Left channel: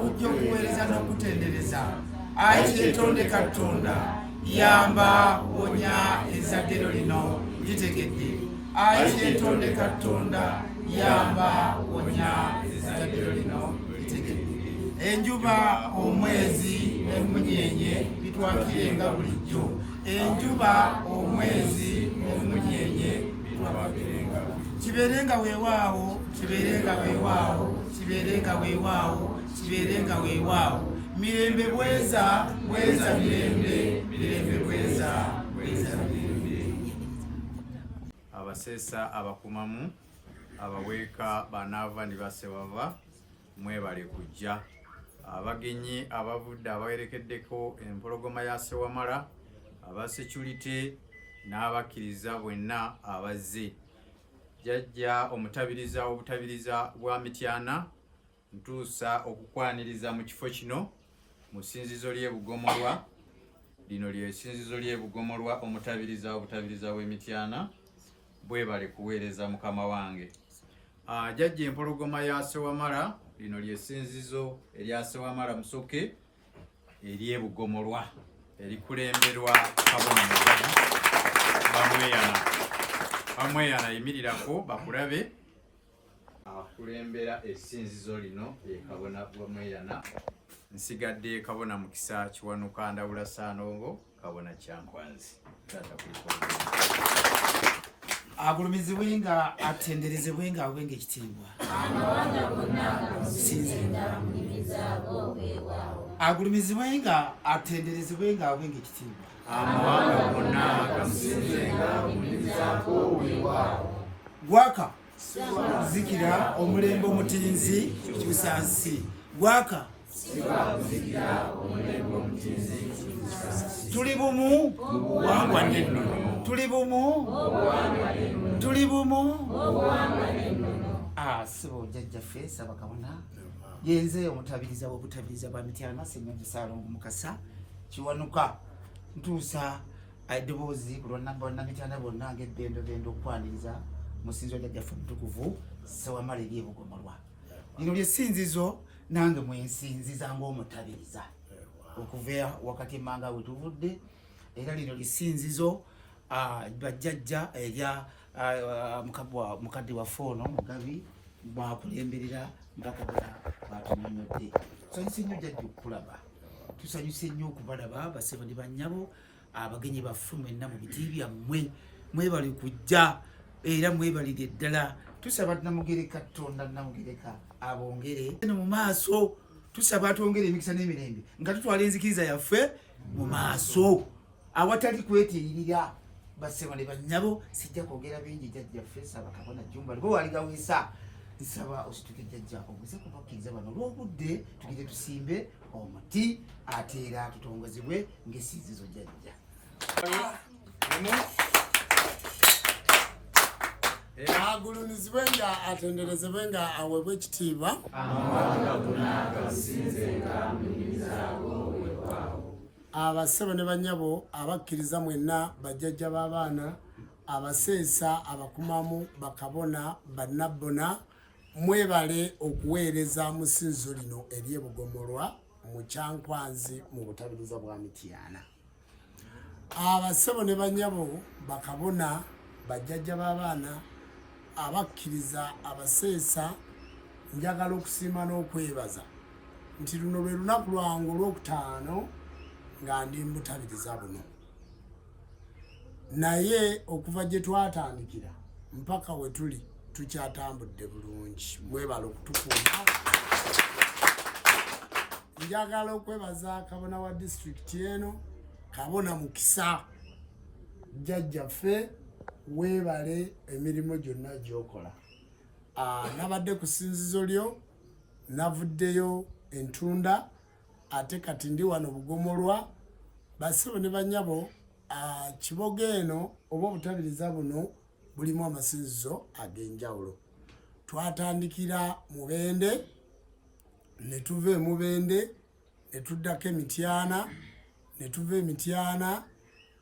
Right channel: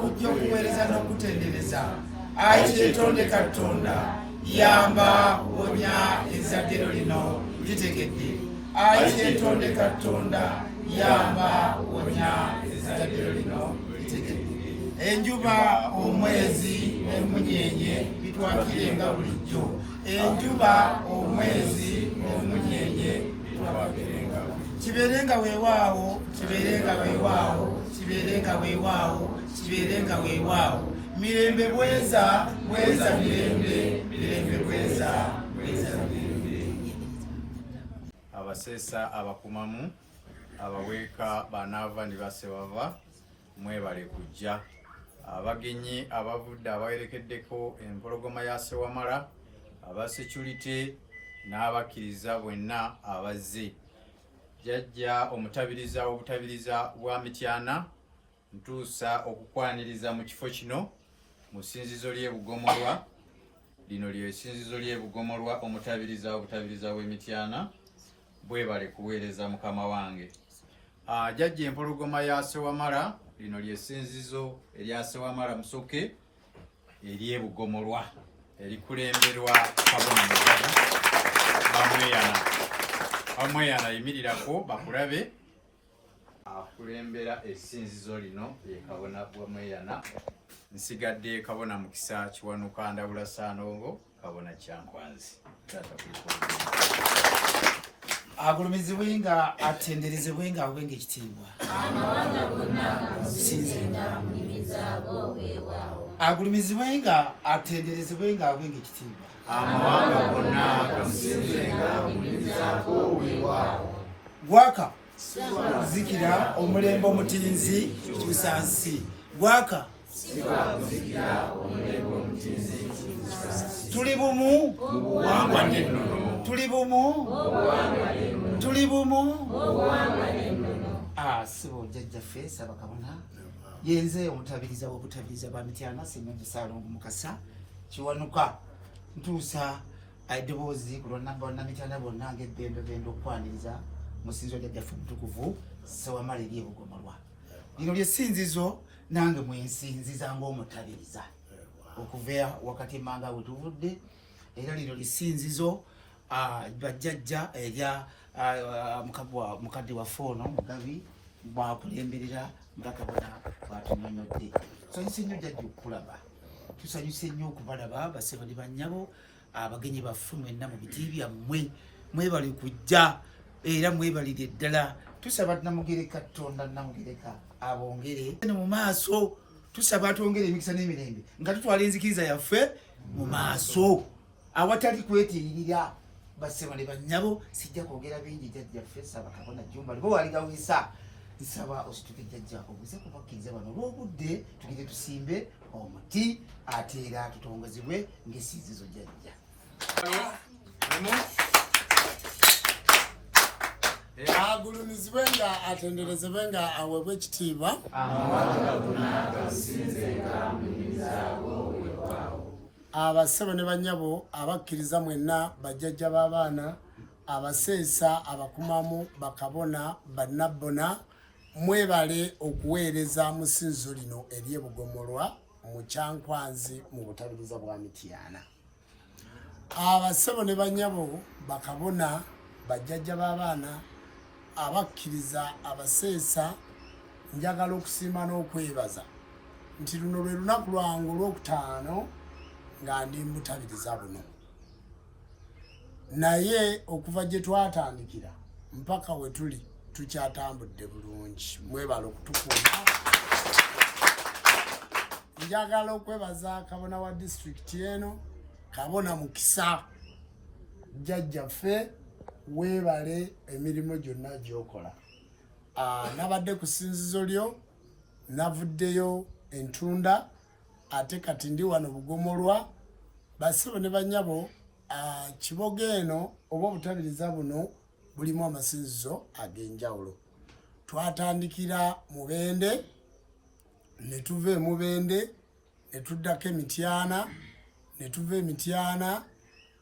kujja okuweereza n'okutendereza. Ayi kyetonde Katonda, yamba wonya ezzadde lino litegedde. Ayi kyetonde Katonda, yamba wonya ezzadde lino litegedde. Enjuba, omwezi n'emunyenye bitwakirenga bulijjo. Enjuba, omwezi n'emunyenye bitwakirenga bulijjo. Kibeerenga weewaawo, kibeerenga weewaawo, kibeerenga weewaawo, kibeerenga weewaawo. Mirembe bweza, bweza mirembe, mirembe bweza, bweza mirembe. Abaseesa abakumamu, abaweeka banaava ne basebava, mwebale kujja. Abagenyi abavudde abawerekeddeko empologoma ya Ssewamala, aba security n'abakkiriza bwenna abazze. Jjajja omutabiriza w'obutabiriza bwa Mityana ntuusa okukwaniriza mu kifo kino mu ssinzizo ly'e Bugomolwa. Lino lye ssinzizo ly'e Bugomolwa, omutabiriza w'obutabiriza bw'e Mityana bwebale kuweereza mukama wange. Jjajja empologoma ya Ssewamala, lino lye ssinzizo erya Ssewamala Musoke ery'e Bugomolwa erikulemberwa Kabona Mugabi Bamweyana. Bamweyana yimirirako bakulabe akulembera essinzizo lino ye Kabona Bamweyana. Nsigadde Kabona Mukisa Kiwanuka Ndawula Saanongo, Kabona Kyankwanzi. Agulumizibwenga, atenderezebwenga, awenga ekitiibwa. Agulumizibwenga, atenderezebwenga, awenga ekitiibwa. Amawanga gonna gamusinzenga munyumizaako weewaawo. Gwaka zikira omulembe omutinzi kyusa nsi. Gwaka tuli bumu, Buwangwa n'ennono. tuli bumu, tuli bumu. Sibo jjajjaffe Ssaaba Kabona yenze omutabiriza w'obutabiriza bwa Mityana Ssennyonjo Ssaalongo Mukasa Kiwanuka ntuusa eddoboozi ku lwa Bannamityana bonna ng'ebbendobendo okwaniriza mu ssinzizo jjajjaffe omutukuvu Ssewamala ery'e Bugomolwa. Lino lye ssinzizo nange mwensinziza ng'omutabiriza okuva wakati emmanga we tuvudde, era lino lissinzizo bajjajja erya mukadde waffe ono Mugabi bwakulemberera nga Kabona bwatunyonyodde. Tusanyuse nnyo jjajja okukulaba, tusanyuse nnyo okubalaba basebo ne bannyabo, abagenyi baffe mwenna mu biti byammwe, mwebale kujja era mwebalire ddala. Tusaba Namugereka Katonda Namugereka abongere mu maaso, tusaba atwongere emikisa n'emirembe nga tutwala enzikiriza yaffe mu maaso awatali kwetiririra. Basebo ne bannyabo, sijja kwogera bingi jjajjaffe Ssaaba Kabona Jjumba libo waligawiisa. Nsaba osituke jjajja obuze kubakkiriza bano olw'obudde tugire tusimbe omuti ate era tutongozebwe ng'essinzizo jjajja. Agulumizibwenga, atenderezebwenga, aweebwe ekitiibwa. Abasebo ne bannyabo abakkiriza mwenna, bajjajja b'abaana, abaseesa, abakumamu, bakabona, bannabbona, mwebale okuweereza mu ssinzizo lino ery'e Bugomolwa mu Kyankwanzi mu butabiriza bwa Mityana. Abasebo ne bannyabo, bakabona, bajjajja b'abaana, abakkiriza, abaseesa, njagala okusiima n'okwebaza nti luno lwe lunaku lwange olw'okutaano nga ndi mutabiriza buno. Naye okuva gye twatandikira mpaka we tuli tukyatambudde bulungi. Mwebale okutukuuma. Njagala okwebaza Kabona wa disitulikiti eno, Kabona Mukisa, jjajjaffe, weebale emirimu gyonna gy'okola. Nabadde ku ssinzizo lyo, navuddeyo Entunda, ate kati ndi wano Bugomolwa. Basebo ne bannyabo, Kiboga eno oba obutabiriza buno bulimu amasinzizo ag'enjawulo. Twatandikira Mubende, ne tuva e Mubende ne tuddako e Mityana, ne tuva e Mityana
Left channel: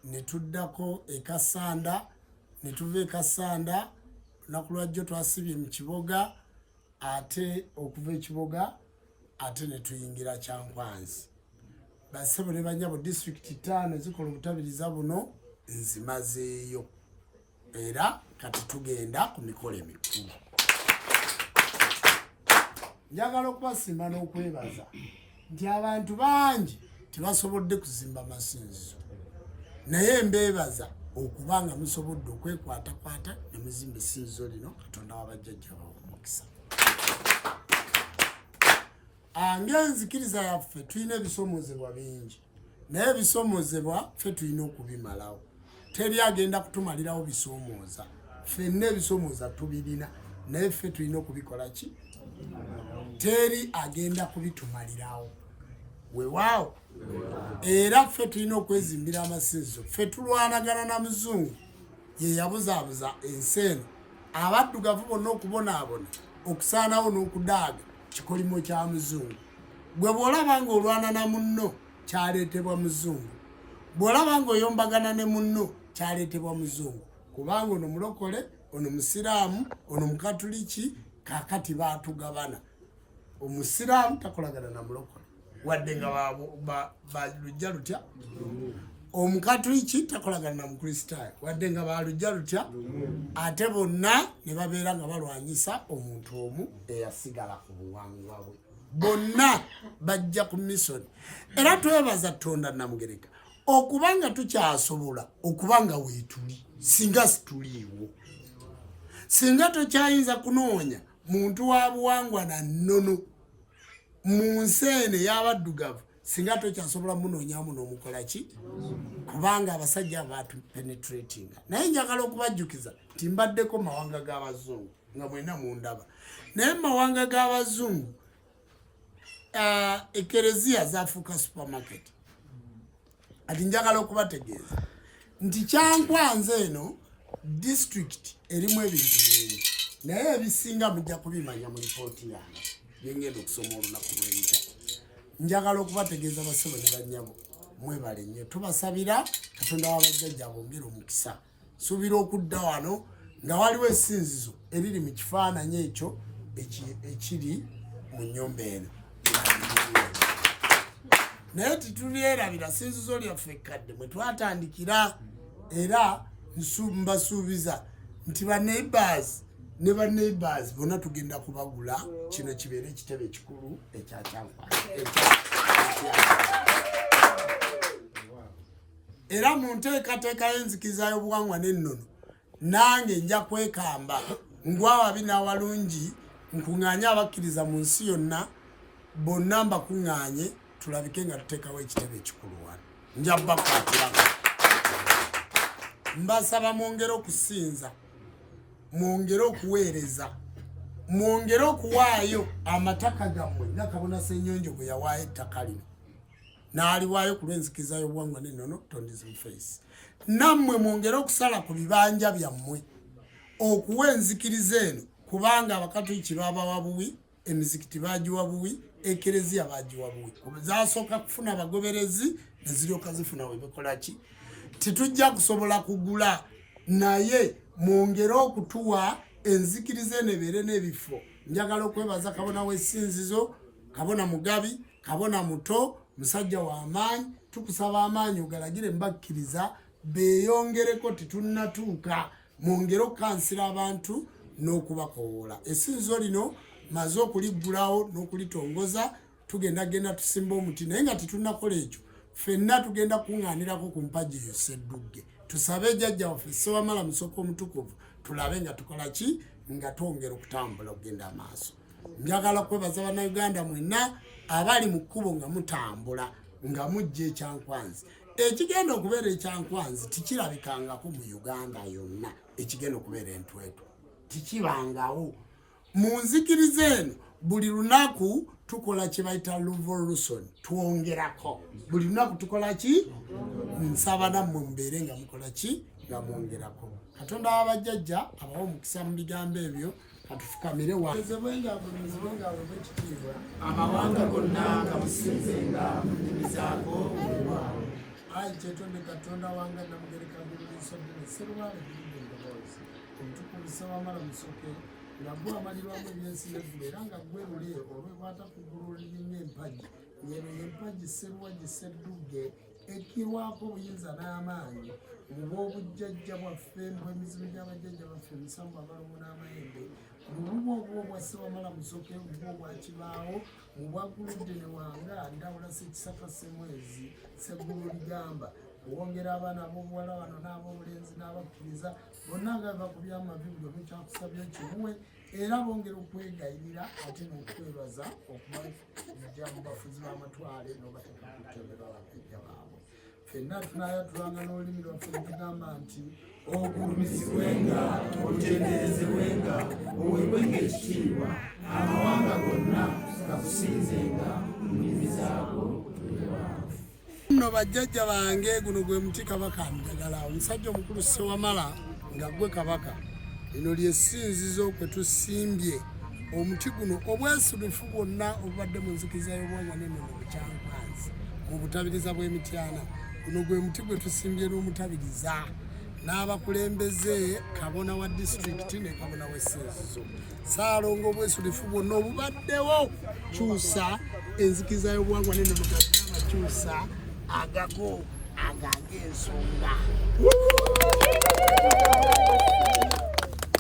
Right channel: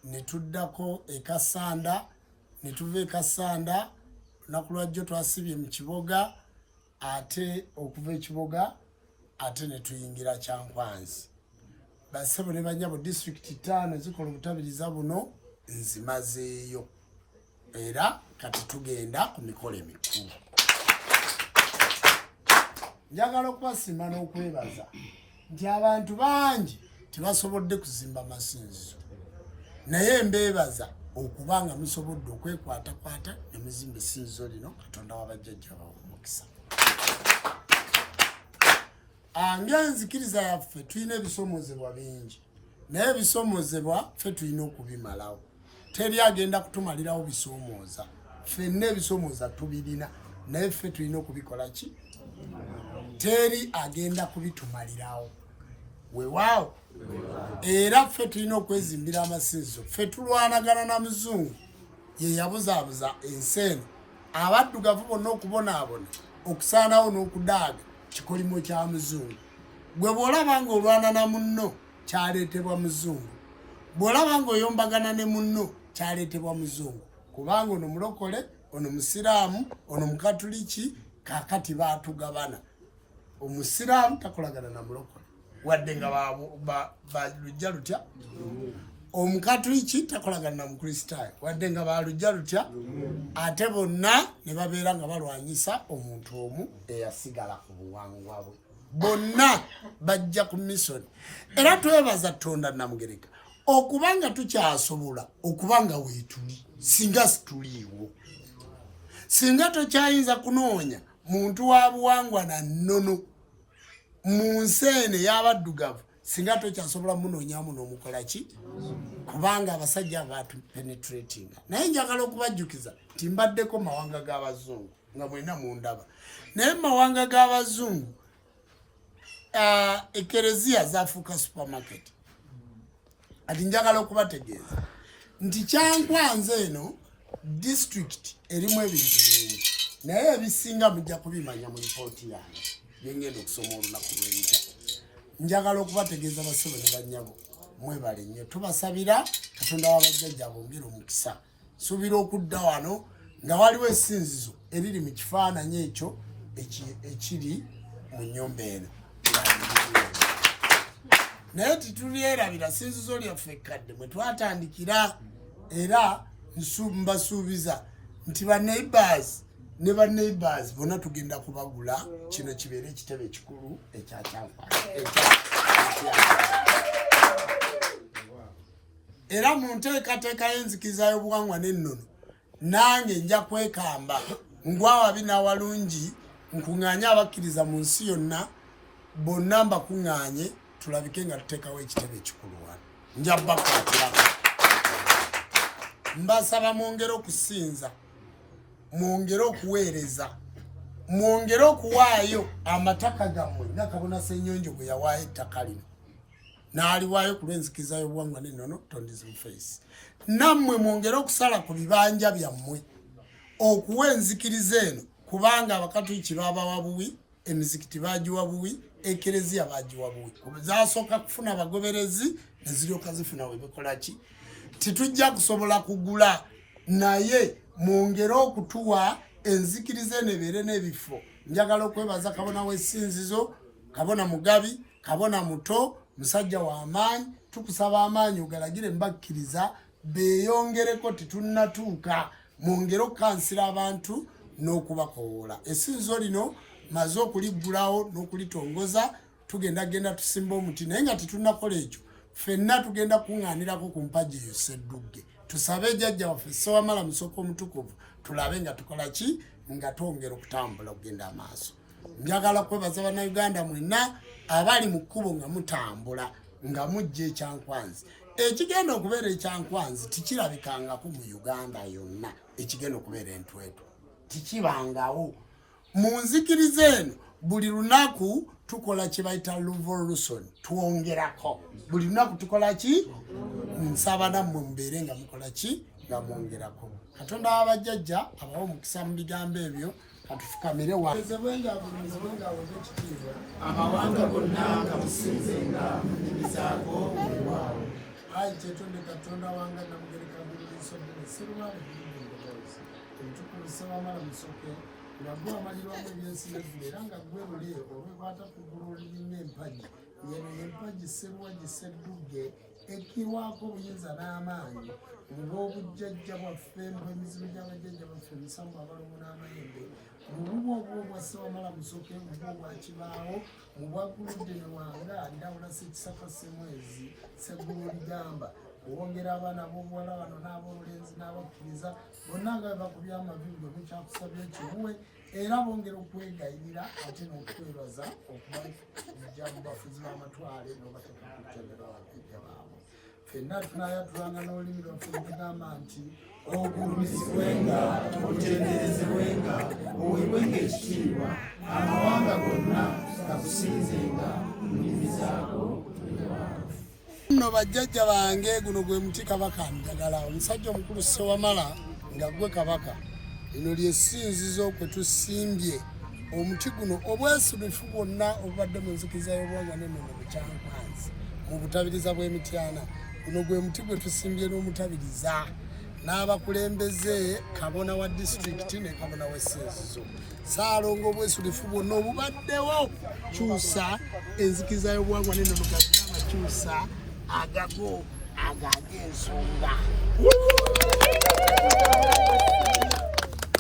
ne tuddako e Kasanda, ne tuva e Kasanda lunaku lwajjo twasibye mu Kiboga, ate okuva e Kiboga ate ne tuyingira Kyankwanzi. Bassebo ne banyabo district 5 zikola obutabiriza buno nzimazeeyo. Era kati tugenda ku mikolo emikulu. Njagala okubasiima n'okwebaza nti abantu bangi tebasobodde kuzimba masinzizo. Naye mbeebaza okubanga musobodde okwekwatakwata ne muzimba essinzizo lino. Katonda w'abajjajja bawe omukisa. Ng'enzikiriza yaffe tulina ebisoomozebwa bingi, naye ebisoomozebwa ffe tulina okubimalawo. Teri agenda kutumalirawo bisoomooza. Ffenna ebisoomooza tubirina, naye ffe tulina okubikola ki? Teri agenda kubitumalirawo. Weewaawo. Era ffe tulina okwezimbira amasinzizo. Ffe tulwanagana na muzungu ye yabuzaabuza ensi eno. Abaddugavu bonna okubonaabona, okusaanawo n'okudaaga kikolimo kya muzungu. Gwe bw'olaba ng'olwana na munno kyaleetebwa muzungu. Bw'olaba ng'oyombagana ne munno kyaleetebwa muzungu. Kubanga ono mulokole, ono musiraamu, ono mukatuliki, kaakati baatugabana. Omusiraamu takolagana na mulokole wadde nga balujja lutya. Omukatuliki takolagana na mukristaayo wadde nga balujja lutya. Ate bonna ne babeera nga balwanyisa omuntu omu eyasigala ku buwangwa bwe. Bonna bajja ku misoni. Era twebaza Katonda Namugereka okubanga tukyasobola okubanga weetuli singa situliiwo. Singa tokyayinza kunoonya muntu wa buwangwa na nnono mu nsi eno ey'abaddugavu, singa tokyasobola munoonyamu n'omukola ki? Kubanga abasajja baatu penetrating. Naye njagala okubajjukiza nti mbaddeko mawanga g'abazungu nga mwenna mundaba. Naye mawanga g'abazungu ekereziya zaafuuka supermarket. Ati njagala okubategeeza nti Kyankwanzi eno district erimu ebintu bingi, naye ebisinga mujja kubimanya mu lipooti yange ngenda okusoma olunaku lw'enkya. Njagala okubategeeza bassebo ne bannyabo mwebale nnyo. Tubasabira Katonda w'abajjajja bongere omukisa. Suubira okudda wano nga waliwo essinzizo eriri mu kifaananyi ekyo ekiri mu nnyumba eno. Naye titulyerabira ssinzizo lyaffe ekkadde mwe twatandikira. Era mbasuubiza nti banneighbours ne banneighbours bonna tugenda kubagula kino kibeere ekitebe ekikulu ekya Kyankwanzi. Era mu nteekateeka y'enzikiriza y'obuwangwa n'ennono nange nja kwekamba ngwawabi n'awalungi nkuŋŋaanye abakkiriza mu nsi yonna bonna mbakuŋŋaanye tulabike nga tuteekawo ekitebe ekikulu wano. Nja bakwatirako. Mbasaba mwongere okusinza, mwongere okuweereza, mwongere okuwaayo amataka gammwe nga Kabona Ssennyonjo bwe yawaayo ettaka lino n'aliwaayo ku lw'enzikiriza y'obuwangwa n'ennono Tondi's Face. Nammwe mwongere okusala ku bibanja byammwe okuwa enzikiriza eno, kubanga abakatuliki baabawa buwi, emizikiti baagiwa buwi, ekereziya baagiwa buwi. Zaasooka kufuna abagoberezi ne ziryoka zifuna we bikola ki? Titujja kusobola kugula, naye mwongere okutuwa enzikiriza eno ebeere n'ebifo. Njagala okwebaza Kabona w'essinzizo, Kabona Mugabi, Kabona Muto, musajja w'amaanyi. Tukusaba amaanyi ogalagire mbakkiriza beeyongereko titunnatuuka. Mwongere okukansira abantu n'okubakowoola. Essinzizo lino maze okuliggulawo n'okulitongoza, tugenda tusimba omuti, naye nga titunnakola ekyo ffenna tugenda kuŋŋaanirako ku mpagi eyo Sseddugge. Tusabe jjajja waffe Ssewamala Musoke Omutukuvu tulabe nga tukola ki? Nga twongera okutambula okugenda amaaso. Njagala kwebaza bannayuganda mwenna abali mu kkubo nga mutambula nga mujja Ekyankwanzi. Ekigenda okubeera Ekyankwanzi tikirabikangako mu Uganda yonna. Ekigenda okubeera Entwetwe tikibangawo. Mu nzikiriza eno buli lunaku tukola kye bayita revolution, twongerako. Buli lunaku tukola ki? Nsaba nammwe mubeere nga mukola ki? Nga mwongerako. Katonda w'abajjajja abawa omukisa mu bigambo ebyo. Katufukamire amawanga gonna nga musinzenga mulizaako ayi kyetonde Katonda wange Namugereka Bulungi Ssewamala Musoke nagwe amalirwamu ebyensirevu era nga gwe lule olwekwata ku ggulu olirina empagi yeno yempagi sseruwagi sseddugge ekkiwaako obuyinza n'amaanyi ng'obujjajja bwaffe emizimu gy'abajjajja baffe omusango abalongo n'amayembe olubu obwo obwa Ssewamala Musoke obwo obwa Kibaawo obwaguludde ne wanga Ndawula Ssekisaka Ssemwezi Sseggulu Ligamba owongera abaana ab'obuwala bano n'ab'obulenzi n'abakkiriza bonna nga bakubya amavidiyo mukyakusabye kimuwe era bongera okwegayirira ate n'okwebaza okubalijja mu bafuzi b'amatwale n'obateeka ku ttendera bajjajja baabwe ffenna tunayatulanga n'olulimi lwaffe lugamba nti ogulumizibwenga otenderezebwenga oweebwenga ekitiibwa amawanga gonna gakusinzenga mu nnimi zaago nno bajjajja bange guno gwe muti kabaka njagala omusajja omukulu Ssewamala nga gwe kabaka lino lyessinzizo kwe tusimbye omuti guno obwesulifu bwonna obubadde mu nzikiriza y'obuwangwa n'ennono mu Kyankwanzi mu butabiriza bw'Emityana guno gwe muti gwe tusimbye n'omutabiriza n'abakulembeze kabona wa disitulikiti ne kabona w'essinzizo Ssaalongo obwesulifu bwonna obubaddewo kyusa enzikiriza y'obuwangwa n'ennono gazina kyusa agago agag'ensonga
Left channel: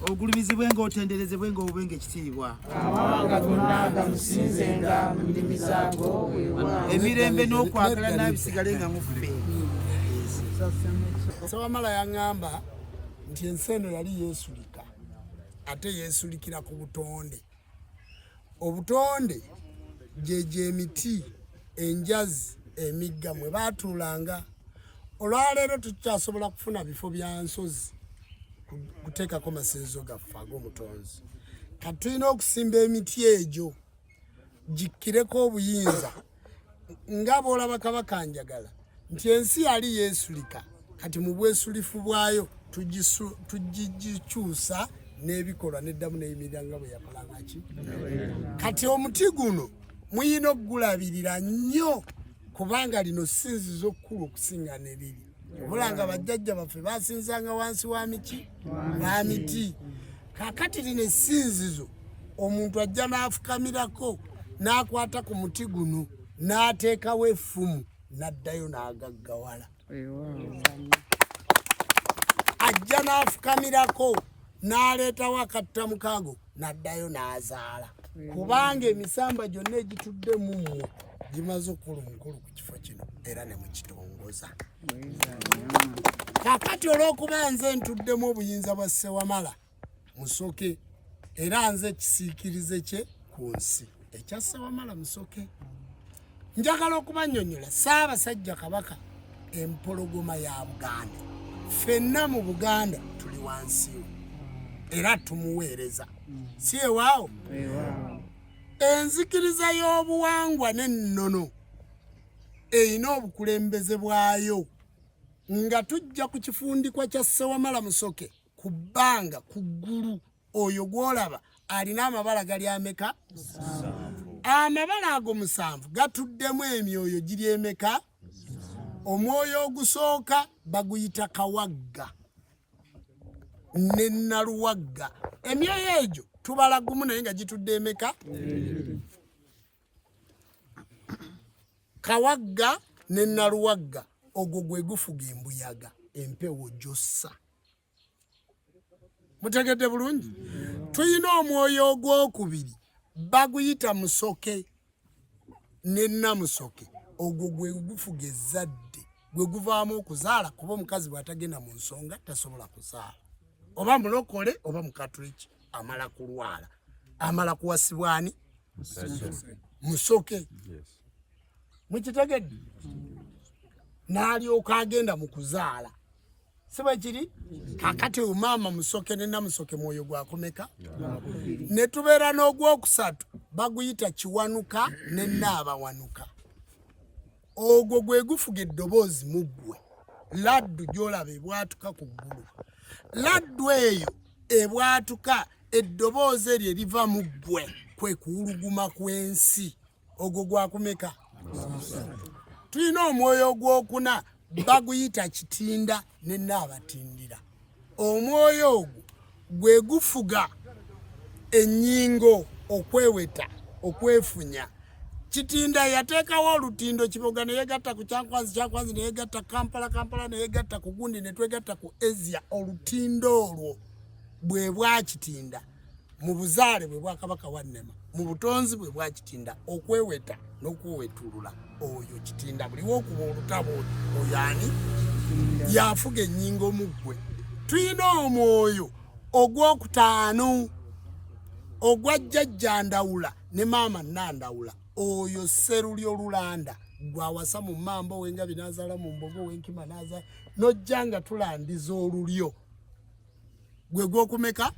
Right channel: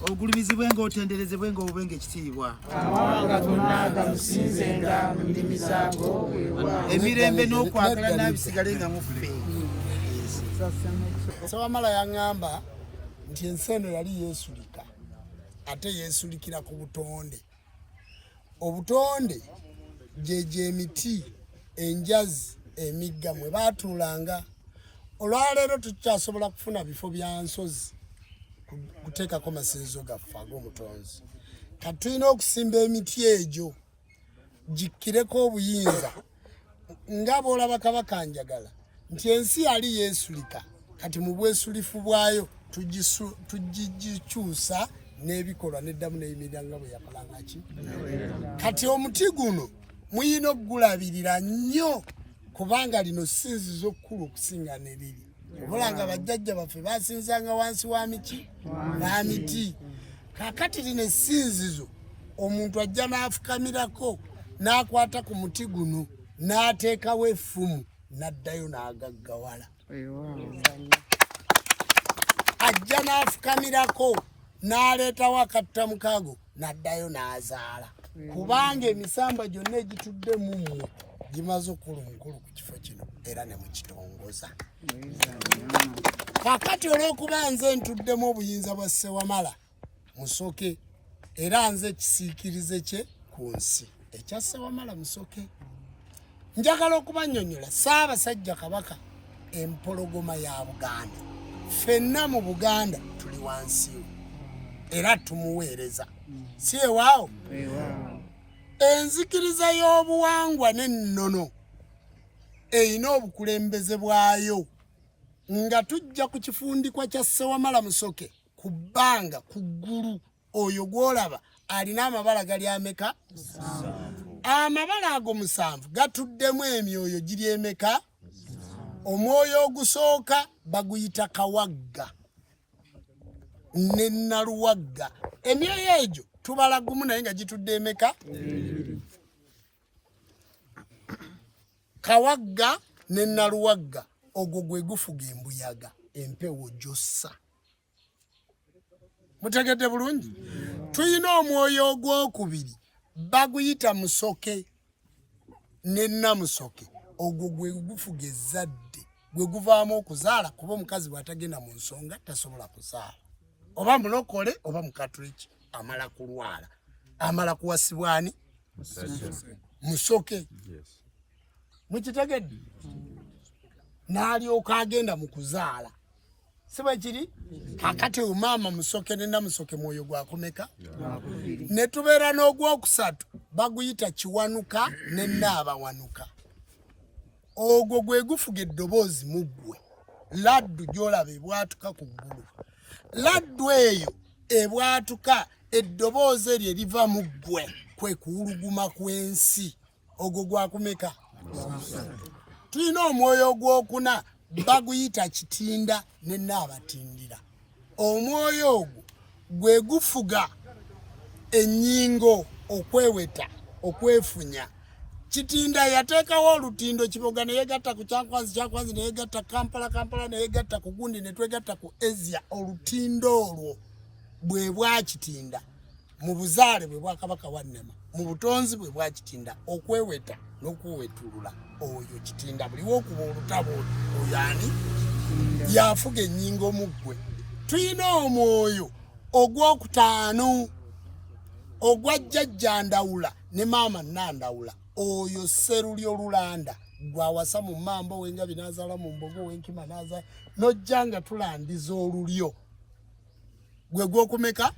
ogulumizibwenga otenderezebwenga obwenga ekitiibwa amawanga gonna gamusinzenga mu nnimi zaago emirembe n'okwagala n'abisigalenga mu ffe. Ssewamala yaŋŋamba nti ensi eno yali yeesulika ate yeesulikira ku butonde. Obutonde gyegyo emiti enjazi emigga mwe baatuulanga. Olwaleero tukyasobola kufuna bifo bya nsozi kuteekako masinzizo gaffe ag'omutonzi. Kati tulina okusimba emiti egyo gikkireko obuyinza nga bw'olaba kabaka njagala nti ensi yali yeesulika kati mu bwesulifu bwayo tugikyusa n'ebikolwa n'eddamu n'eyimirira nga bwe yakolanga ki. Kati omuti guno muyina okugulabirira nnyo kubanga lino ssinzizo kkulu okusinga ne liri. Obulanga bajjajja baffe basinzanga wansi wa miti. Kaakati lino essinzizo omuntu ajja n'afukamirako n'akwata ku muti guno n'ateekawo effumu n'addayo n'agaggawala. Ajja n'afukamirako n'aleetawo akattamukaago n'addayo n'azaala. Kubanga emisamba gyonna egitudde mu mmwe gimaze okukula omukulu ku kifo kino era ne mukitongoza. Kaakati olw'okuba nze ntuddemu obuyinza bwa Ssewamala Musoke era nze ekisiikirize kye ku nsi ekya Ssewamala Musoke, njagala okubannyonnyola Ssaabasajja Kabaka empologoma ya Buganda. Ffenna mu Buganda tuli wansi we era tumuweereza si ewaawo. Enzikiriza y'obuwangwa n'ennono eyina obukulembeze bwayo nga tujja ku kifundikwa kya Ssewamala Musoke ku bbanga ku ggulu oyo gw'olaba alina amabala gali ameka? Amabala ago 7 gatuddemu emyoyo giri emeka? Omwoyo ogusooka baguyita Kawagga ne Naluwagga. Emyoyo egyo tubala gumu naye nga gitudde emeka? Kawagga ne Naluwagga ogwo gwe gufuga embuyaga empewo gyossa. Mutegedde bulungi? Tuyina omwoyo ogwokubiri baguyita Musoke ne Namusoke ogwo gwe gufuga ezzadde gwe guvaamu okuzaala kuba omukazi bw'atagenda mu nsonga tasobola kuzaala. Oba mulokole oba mukatuliki amala kulwala amala kuwasibwani Musoke. Mukitegedde? N'alyoka agenda mu kuzaala. Si bwe kiri? Kaakati maama Musoke ne Namusoke mwoyo gwakumeka? Ne tubeera n'ogwokusatu baguyita Kiwanuka ne Naabawanuka. Ogwo gwe gufuga eddoboozi mu ggwe. Laddu gy'olaba ebwatuka ku ggulu. Laddu eyo ebwatuka eddoboozi eryo eriva mu ggwe kwe kuwuluguma kw'ensi. Ogwo gwakumeka? Tulina omwoyo ogwokuna baguyita Kitinda ne Naabatindira. Omwoyo ogwo gwe gufuga ennyingo okweweta okwefunya. Kitinda yateekawo olutindo Kiboga ne yegatta ku Kyankwanzi ne yegatta Kampala ne yegatta ku Gundi ne twegatta ku Ezia. Olutindo olwo bwe bwa Kitinda mu buzaale bwe bwa Kabaka wa Nnema, mu butonzi bwe bwa Kitinda, okweweta n'okwewetulula oyo Kitinda buli wokuba olutabo oyo ani yafuga ennyingo mu ggwe. Tuyina omwoyo ogwokutaano ogwa Jjajja Ndawula ne Maama Nandawula, oyo Sserulyo Lulanda gwawasa mu Mambo Wengabi n'azaala mu Mbogo Wenkima n'azaala n'ojja nga tulandiza olulyo gwe gwokumeka.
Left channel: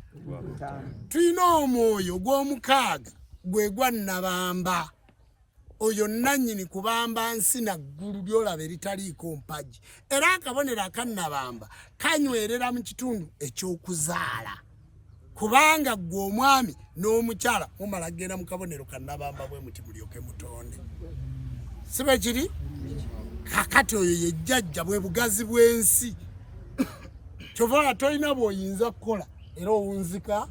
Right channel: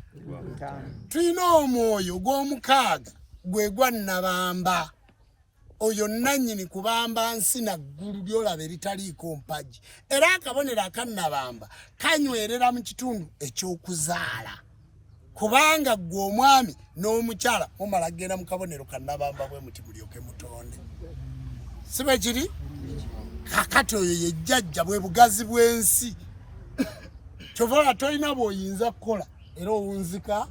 Tuyina omwoyo gw'omukaaga gwe gwa Nabamba, oyo nannyini kubamba nsi naggulu lyolaba eritaliiko mpagi, era akabonero aka Nabamba kanywerera mu kitundu eky'okuzaala, kubanga gwe omwami n'omukyala mumala genda mu kabonero ka Nabamba bwe muti mulyoke mutonde. Si bwe kiri? Kakati oyo ye Jjajja bwe bugazi bw'ensi. Kyova tolina bw'oyinza kukola era owunzika.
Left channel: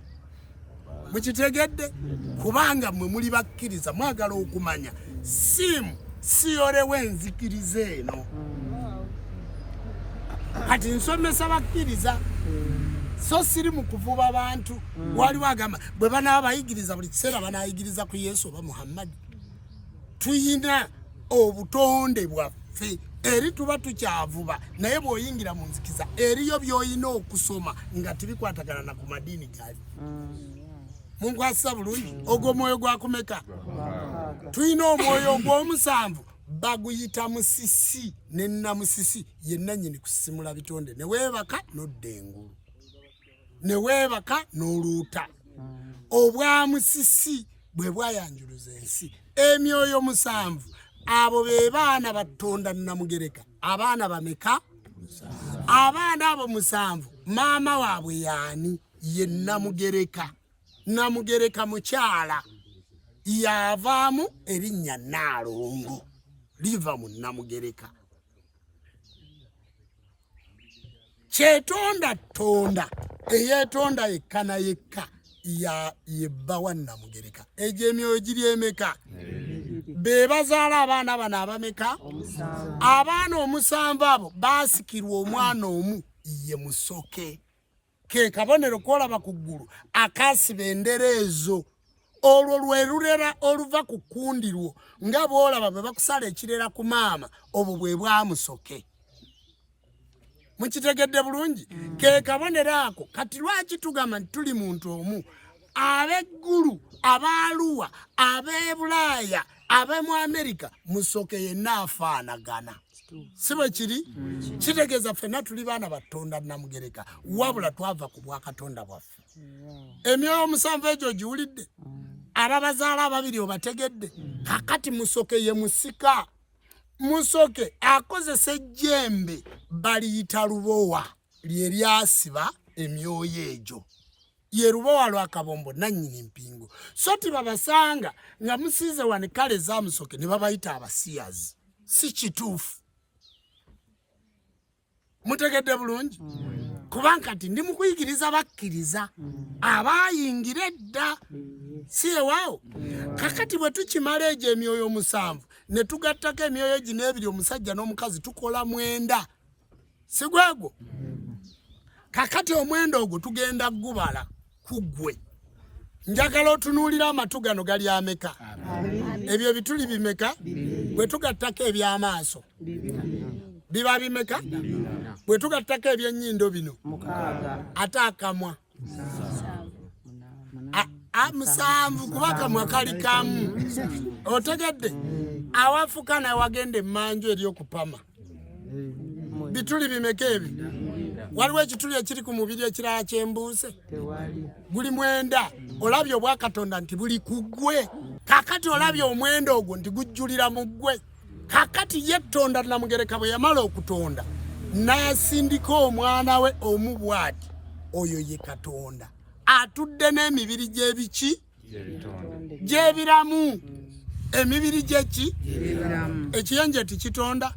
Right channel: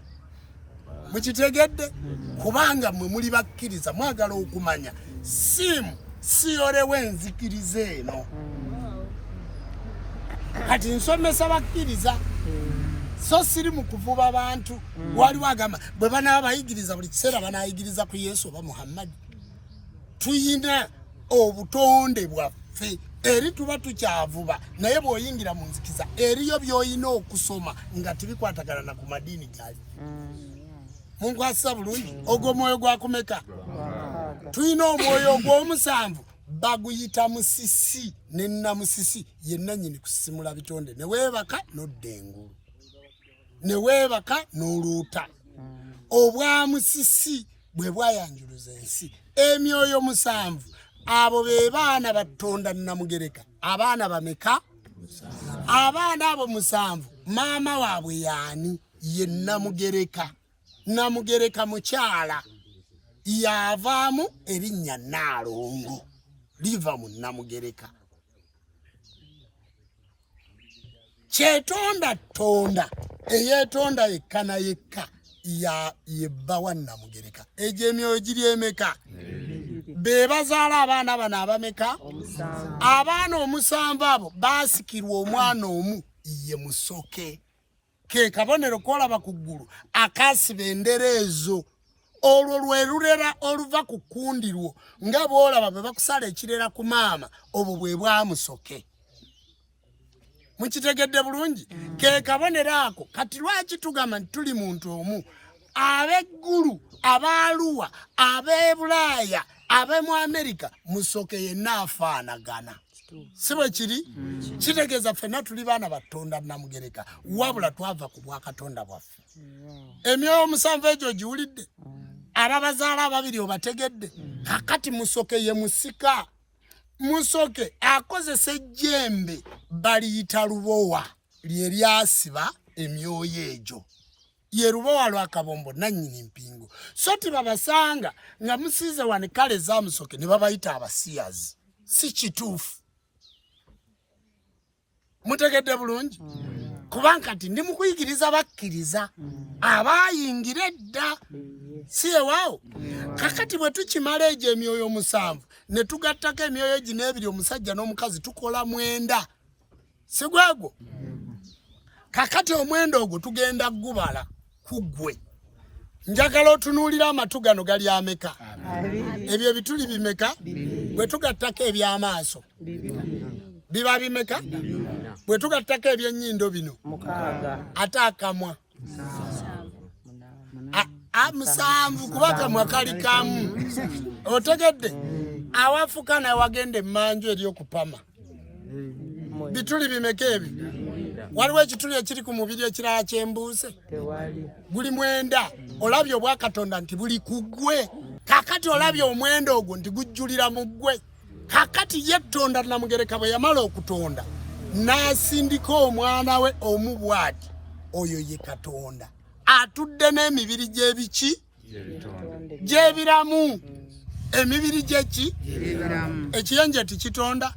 Mukitegedde? Kubanga mmwe muli bakkiriza, mwagala okumanya siyolewo enzikiriza eno. Kati nsomesa bakkiriza so siri mu kuvuba bantu. Waliwo agamba bwe banaaba bayigiriza buli kiseera banaayigiriza ku Yesu oba Muhammad. Tuyina obutonde bwaffe eri tuba tukyavuba, naye bw'oyingira mu nzikiza eriyo by'oyina okusoma nga tibikwatagana na ku madiini gali. Munkwasa bulungi ogwo mwoyo gwakumeka. Tuyina omwoyo ogw'omusanvu baguyita musisi ne namusisi ye nannyini kusisimula bitonde, ne weebaka n'odda engulu, ne weebaka n'oluuta. Obwa musisi bwe bwayanjuluza ensi. Emyoyo musanvu abo be baana batonda Namugereka. Abaana bameka? Abaana abo musanvu maama waabwe yaani? Ye Namugereka. Namugereka mukyala yavaamu erinnya Naalongo, liva mu Namugereka. Kyetonda tonda eyeetonda yekka na yekka yebba wa Namugereka. Egyo emyoyo giri emeka? Be bazaala abaana bano abameka? Abaana omusanvu abo baasikirwa omwana omu ye Musoke. Ke kabonero kolaba ku ggulu akasiba endera ezo. Olwo lwe lulera oluva ku kkundirwo nga bw'olaba bwe bakusala ekirera ku maama, obwo bwe bwa Musoke. Mukitegedde bulungi? Ke kabonero ako kati lwaki tugamba nti tuli muntu omu? Ab'eggulu, ab'Aluwa, ab'e Bulaaya, ab'e mu Amerika, Musoke yenna afaanagana. Si bwe kiri? Kitegeeza ffenna tuli baana batonda Namugereka, wabula twava ku bwakatonda bwaffe. Emyoyo omusanvu egyo giwulidde? Ababazaala ababiri obategedde? Kakati Musoke ye musika. Musoke akozesa ejjembe baliyita lubowa lye lyasiba emyoyo egyo. Ye lubowa lwa Kabombo nannyini mpingo. So tibabasanga nga musiize wano kale za Musoke ne babayita abasiyazi. Si kituufu. Mutegedde bulungi? Kubanga kati ndi mukuyigiriza bakkiriza abayingira edda. Si ewaawo? Kakati bwe tukimala egyo emyoyo omusanvu ne tugattako emyoyo gino ebiri omusajja n'omukazi tukola 9. Si gwegwo? Kakati omwenda ogwo tugenda gubala ku ggwe. Njagala otunuulira amatu gano gali ameka? Ebyo ebituli bimeka? Bwe tugattako eby'amaaso biba bimeka? Bwe tugattako eby'ennyindo bino 6 ate akamwa 7 kuba akamwa kali kamu. Otegedde? Awafuka naye wagenda emmanju ery'okupama bituli bimeka ebyo? Waliwo ekituli ekiri ku mubiri ekirala kyembuuse? Guli 9. Olabye obwakatonda nti buli ku ggwe. Kakati olabye omwenda ogwo nti gujjulira mu ggwe. Kakati ye Tonda Namugereka bwe yamala okutonda n'asindika omwana we omu bw'ati, oyo ye Katonda atudde n'emibiri gy'ebiki? Gy'ebiramu. Emibiri gyeki? Ekiyenje tikitonda?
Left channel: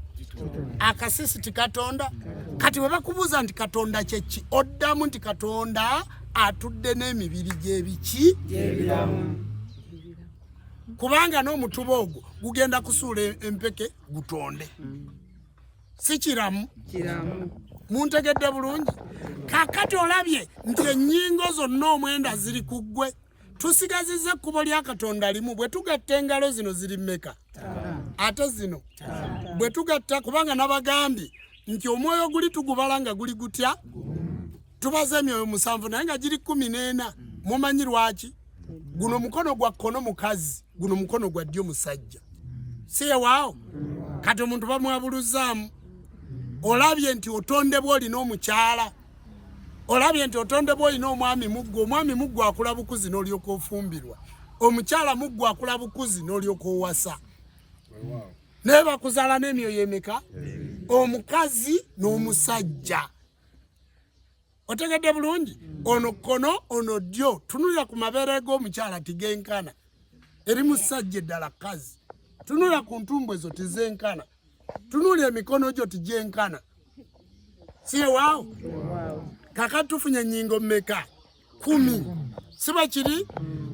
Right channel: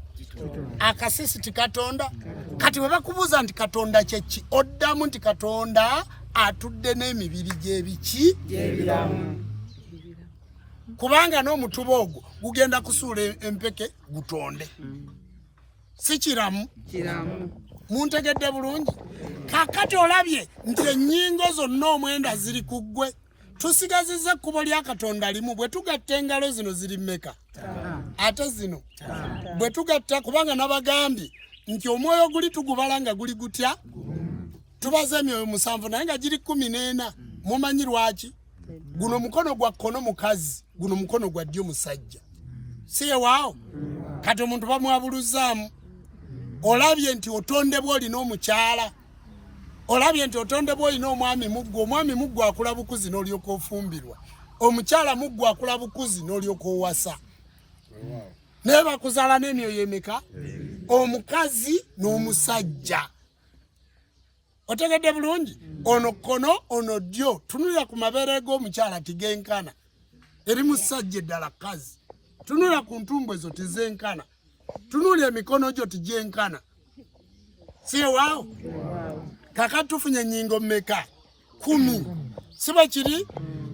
Akasisi tikatonda? Kati bwe bakubuuza nti Katonda kyeki, oddamu nti Katonda atudde n'emibiri gy'ebiki gy'ebiramu. Kubanga n'omutuba ogwo gugenda kusuula empeke gutonde. Si kiramu. Muntegedde bulungi. Kakati olabye nti ennyingo zonna omwenda ziri ku ggwe. Tusigazizza ekkubo lya Katonda limu. Bwe tugatta engalo zino ziri mmeka? Ate zino bwe tugatta, kubanga nabagambye nti omwoyo guli tugubala nga guli gutya. Tubaze emyoyo 7 naye nga giri 14. Mumanyi lwaki? Guno mukono gwa kkono mukazi, guno mukono gwa ddyo musajja. Siye waawo. Kati omuntu bamwabuluzaamu. Olabye nti otondebwa olina omukyala. Olabye nti otondebwa olina omwami muggwa. Omwami muggwa akula bukuzi n'olyoka ofumbirwa. Omukyala muggwa akula bukuzi n'olyoka owasa. Naye bakuzaala n'emyoyo emeka? Omukazi n'omusajja. Otegedde bulungi? Ono kkono, ono ddyo. Tunula ku mabeere g'omukyala tigenkana. Eri musajja eddala kazi. Tunula ku ntumbwe zo tizenkana. Tunula emikono gyo tigenkana. Siye waawo? Kakati tufunye ennyingo mmeka? 10. Siba kiri?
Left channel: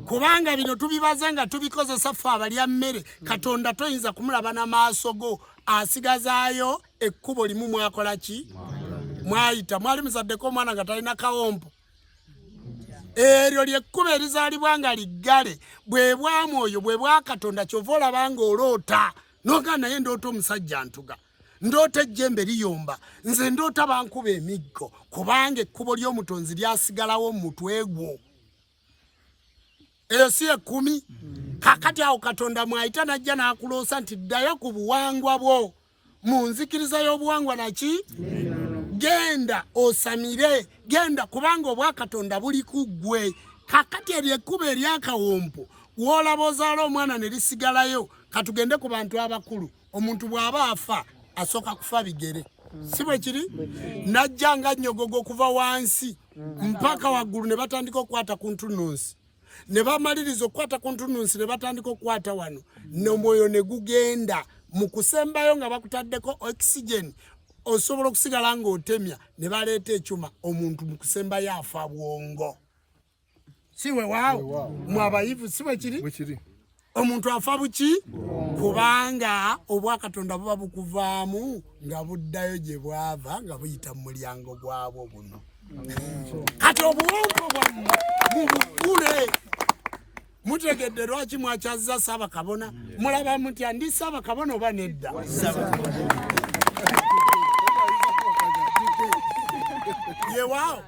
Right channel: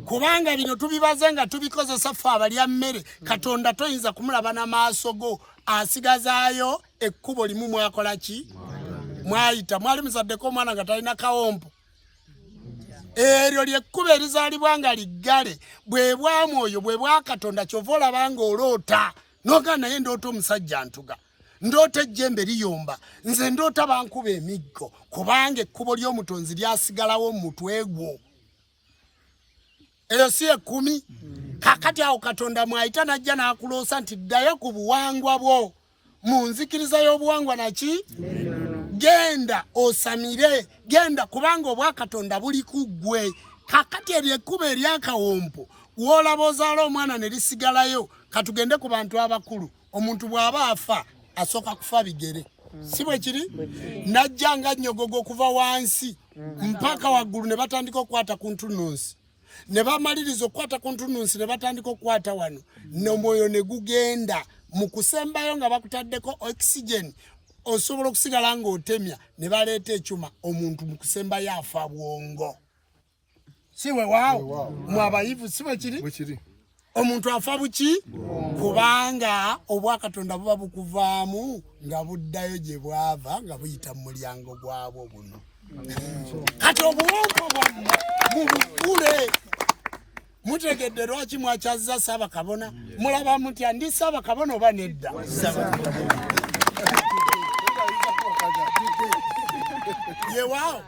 Kubanga bino tubibaze nga tubikozesa ffe abalya mmere. Katonda toyinza kumulaba n'amaaso go. Asigazaayo ekkubo limu mwakola ki? Mwayita. Mwali muzaddeko omwana nga talina kawompo. Eryo lyekkubo erizaalibwa nga liggale. Bwe bwa mwoyo bwe bwa Katonda kyova olaba nga oloota. Noga naye ndoota omusajja ntuga. Ndoota ejjembe liyomba. Nze ndoota bankuba emiggo. Kubanga ekkubo ly'omutonzi lyasigalawo mu mutwe gwo. Eyo si 10. Kakati awo Katonda mwayita najja n'akuloosa nti ddayo ku buwangwa bwo. Mu nzikiriza y'obuwangwa naki? Genda osamire. Genda kubanga obwa Katonda buli ku ggwe. Kakati eryo ekkubo ery'akawompo w'olaba ozaala omwana ne lisigalayo. Katugende ku bantu abakulu. Omuntu bw'aba afa asooka kufa bigere. Si bwe kiri? Najja nga nnyogogo kuva wansi mpaka waggulu ne batandika okukwata ku ntunnunsi. Ne bamaliriza okukwata ku ntunnunsi ne batandika okukwata wano. N'omwoyo ne gugenda mu kusembayo nga bakutaddeko oxygen. Osobola okusigala ng'otemya ne baleeta ekyuma omuntu mu kusembayo afa bwongo. Si we waawo? Mwabayivu si bwe kiri? Omuntu afa buki? Kubanga obwa Katonda buba bukuvaamu nga buddayo gye bwava nga buyita mu mulyango gwabwo buno. Kati obuwonko bwammwe mubugule. Mutegedde lwaki mwakyazza Ssaabakabona? Mulaba mutya ndi Ssaabakabona oba nedda? Yewaawo.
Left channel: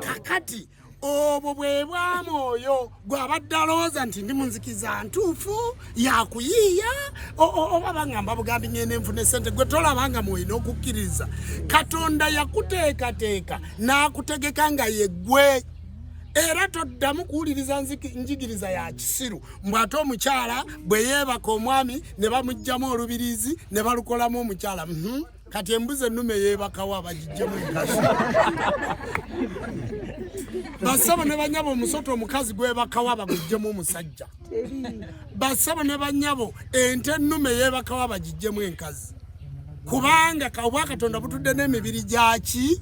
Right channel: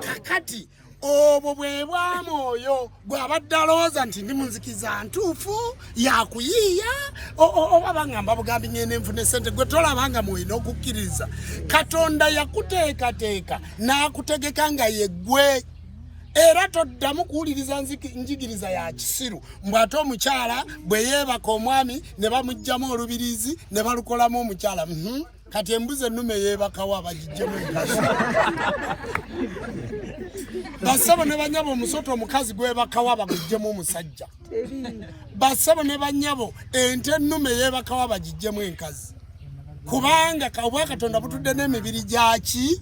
Kakati obwo bwe bwa mwoyo gw'abadde alowooza nti ndi munzikiza ntuufu yakuyiiya oba bangamba bugambi ngende nfune ssente gwe tolabanga mwoyo n'okukkiriza. Katonda yakuteekateeka n'akutegeka nga ye ggwe. Era toddamu kuwuliriza njigiriza ya kisiru. Mbw'ate omukyala bwe yeebaka omwami ne bamuggyamu olubirizi ne balukolamu omukyala. Kati embuzi ennume yeebakawo abagijjemu enkazi. Bassebo ne banyabo omusota omukazi gwebakawo abagijjemu omusajja. Bassebo ne banyabo ente ennume yeebakawo abagijjemu enkazi. Kubanga obwa Katonda butudde n'emibiri gyaki?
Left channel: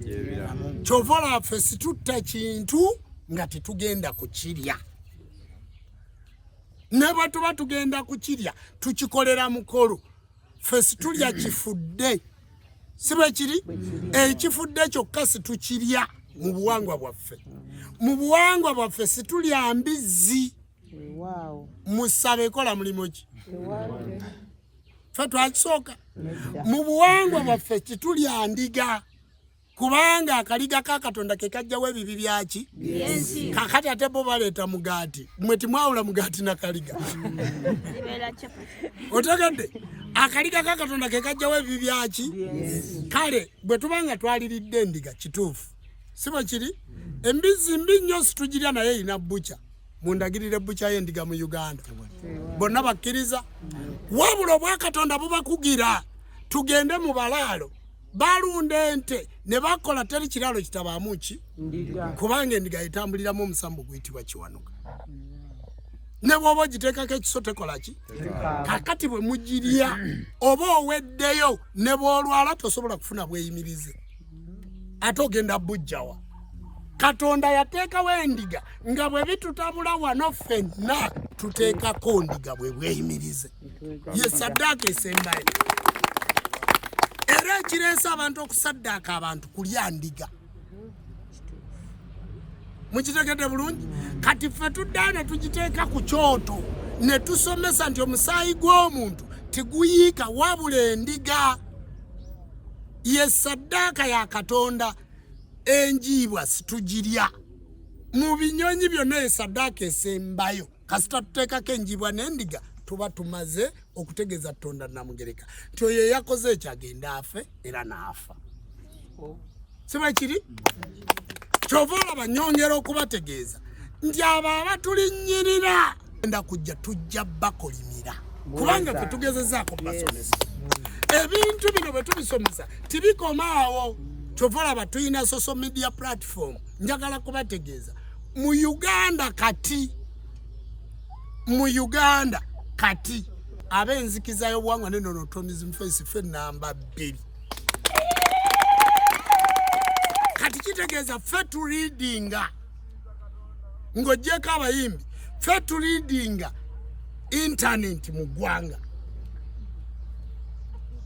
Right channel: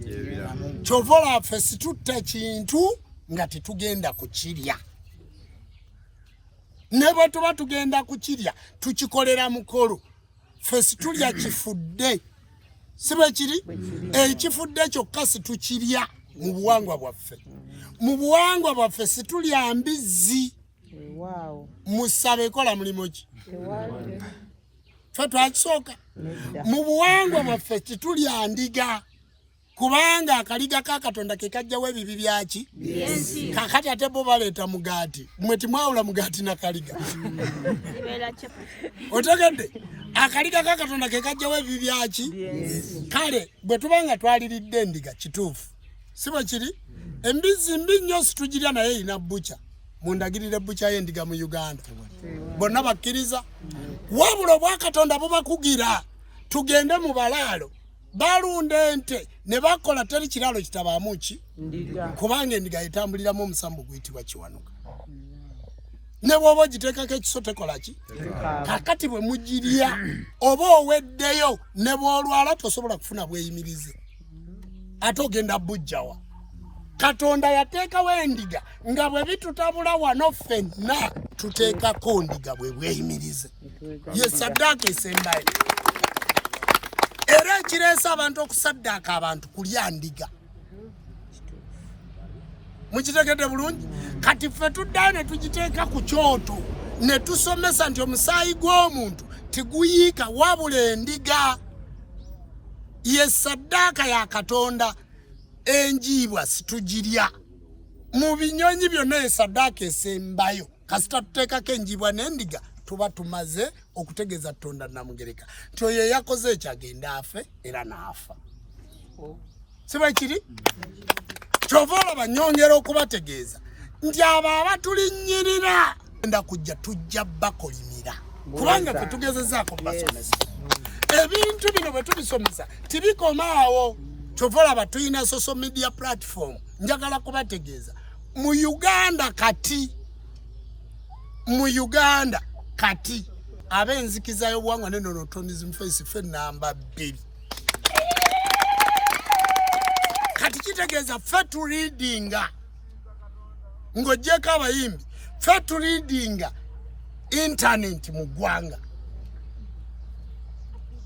Kyova olaba ffe situtta kintu nga tetugenda kukirya. Ne bwe tuba tugenda kukirya tukikolera mukolo. Ffe situlya kifudde. Si bwe kiri? Ekifudde kyokka situkirya mu buwangwa bwaffe. Mu buwangwa bwaffe situlya mbizzi. Musabe ekola mulimu ki? Ffe twakisooka. Mu buwangwa bwaffe situlya ndiga. Kubanga akaliga ka Katonda ke kajjawo ebibi byaki? Kakati ate bo baleeta mugaati. Mmwe timwawula mugaati na kaliga. Otegedde? Akaliga ka Katonda ke kajjawo ebibi byaki? Kale bwe tubanga twaliridde endiga kituufu. Si bwe kiri? Embizzi mbi nnyo situgirya naye erina bbuca. Mundagirire bbuca y'endiga mu Uganda. Bonna bakkiriza. Wabula obwa Katonda bubakugira. Tugende mu balaalo. Balunda ente ne bakola teri kiralo kitabaamu ki? Kubanga endiga etambuliramu omusambu guyitibwa kiwanuka. Ne bw'oba ogiteekako ekiso tekola ki? Kakati bwe mugirya oba oweddeyo ne bw'olwala tosobola kufuna bweyimirize. Ate ogenda bujjawa. Katonda yateekawo endiga nga bwe bitutabula wano ffenna tuteekako ndiga bwe bweyimirize. Ye saddaaka esembayo. Era ekireesa abantu okusaddaaka abantu kulya ndiga. Mukitegedde bulungi? Kati ffe tuddayo ne tugiteeka ku kyoto ne tusomesa nti omusaayi gw'omuntu tiguyiika wabula endiga. Ye saddaaka ya Katonda. Enjiibwa situgirya. Mu binyonyi byonna ye saddaaka esembayo. Kasita tuteekako enjiibwa n'endiga tuba tumaze okutegeeza Katonda Namugereka nti oyo yakoze ekyagenda afe era n'afa. Si bwe kiri? Kyova olaba nnyongera okubategeeza nti abo abatulinnyirira enda kujja tujja bakolimira kubanga ffe tugezezaako basomesa. Ebintu bino bwe tubisomesa tibikomawo. Kyova olaba tulina social media platform. Njagala kubategeeza mu Uganda kati ab'enzikiza y'obuwangwa n'ennonotonism face ffe namba 2. Kati kitegeeza ffe tuliidinga ng'oggyeko abayimbi ffe tuliidinga internet mu ggwanga.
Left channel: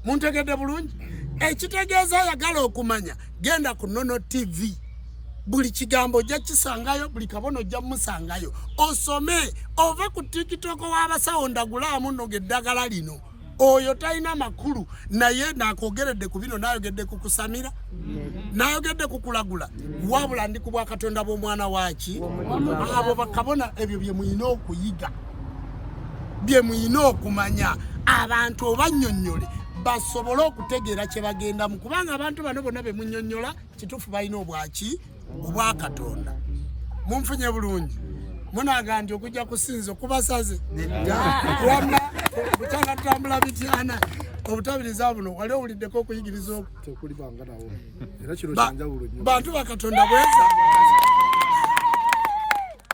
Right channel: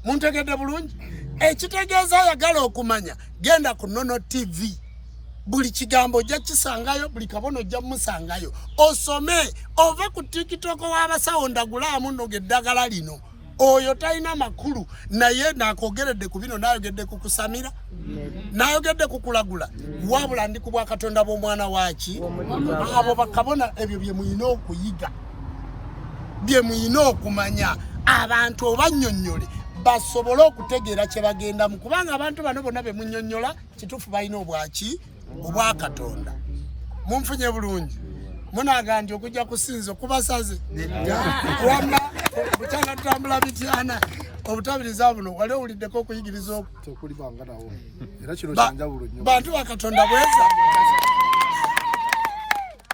Muntegedde bulungi? Ekitegeeza ayagala okumanya genda ku Nono TV. Buli kigambo ojja kisangayo, buli kabono ojja musangayo. Osome ove ku TikTok w'abasawo ndagulaamu nno geddagala lino. Oyo talina makulu naye nakogeredde ku bino nayogedde ku kusamira. Nayogedde ku kulagula. Wabula ndi ku bwakatonda bw'omwana waaki. Abo bakabona ebyo bye muyina okuyiga. Bye muyina okumanya. Abantu obannyonnyole basobole okutegeera kye bagendamu kubanga abantu bano bonna be munnyonnyola kituufu balina obwaki obwa Katonda. Munfunye bulungi. Munagandi okujja kusinza okubasaze. Wamma bukyanga tutambula bityana obutabiriza buno wali owuliddeko okuyigiriza okulibanga nawo. Era kino kyanjawulo nnyo. Bantu ba Katonda bweza.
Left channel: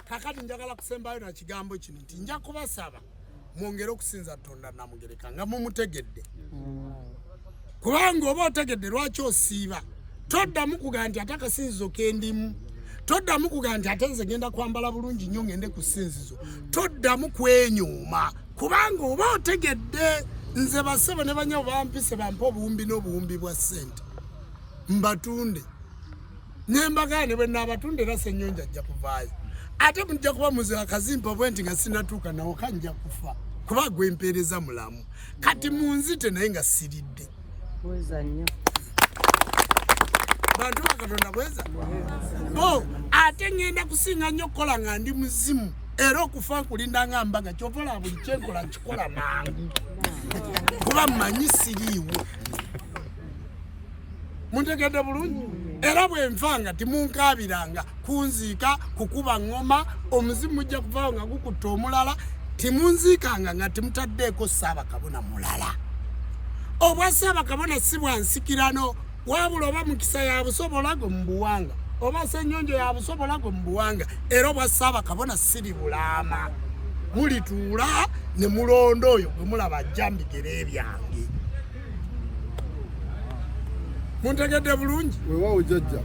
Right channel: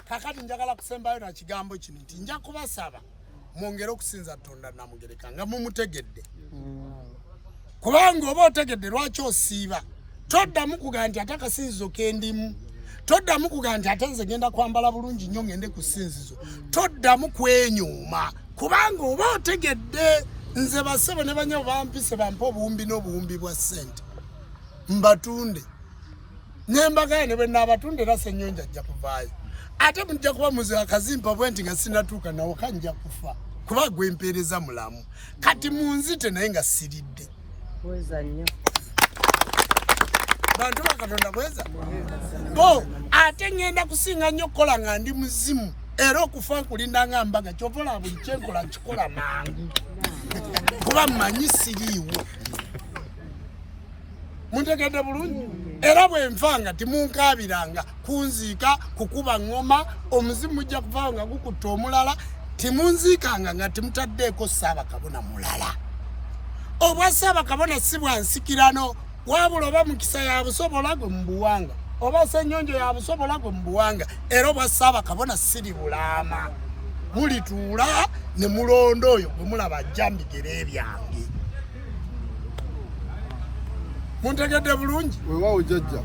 Kakati njagala kusembayo na kigambo kino nti nja kubasaba mwongere okusinza Katonda Namugereka nga mumutegedde. Kubanga oba otegedde lwaki osiiba. Toddamu kugaa nti ate akasinzizo kendimu. Toddamu kugaa nti ate nze genda kwambala bulungi nnyo ngende ku ssinzizo. Toddamu kwenyuuma kubanga oba otegedde nze basebo ne banyabo bampise bampa obuwumbi n'obuwumbi bwa ssente mbatunde. Nembagane bwe naabatunde era Ssennyonja ajja kuvaayo. Ate mujja kuba muze akazimpa bwe nti nga sinatuuka nawo kanjja kufa kuba gwe mpeereza mulamu. Kati munzite naye nga siridde. Weza nnyo. Bantu ba Katonda bweza. Bo ate ngenda kusinga nnyo kola nga ndi muzimu era okufa nkulinda nga mbaga kyovola buli kyenkola nkikola mangu kuba mmanyi siriiwo. Muntegedde bulungi? Era bwe nfanga timunkaabiranga kunziika kukuba ngoma omuzimu mujja kuvaawo nga gukutta omulala timunziikanga nga timutaddeeko Ssaabakabona mulala. Obwa Ssaabakabona si bwansikirano wabula oba mukisa ya busobola gwe mu buwanga oba Ssennyonjo ya busobola gwe mu buwanga era obwa Ssaabakabona siri bulaama. Mulituula ne mulonda oyo gwe mulaba ajja mbigere ebyange. Muntegedde bulungi? Weewaawo jjajja.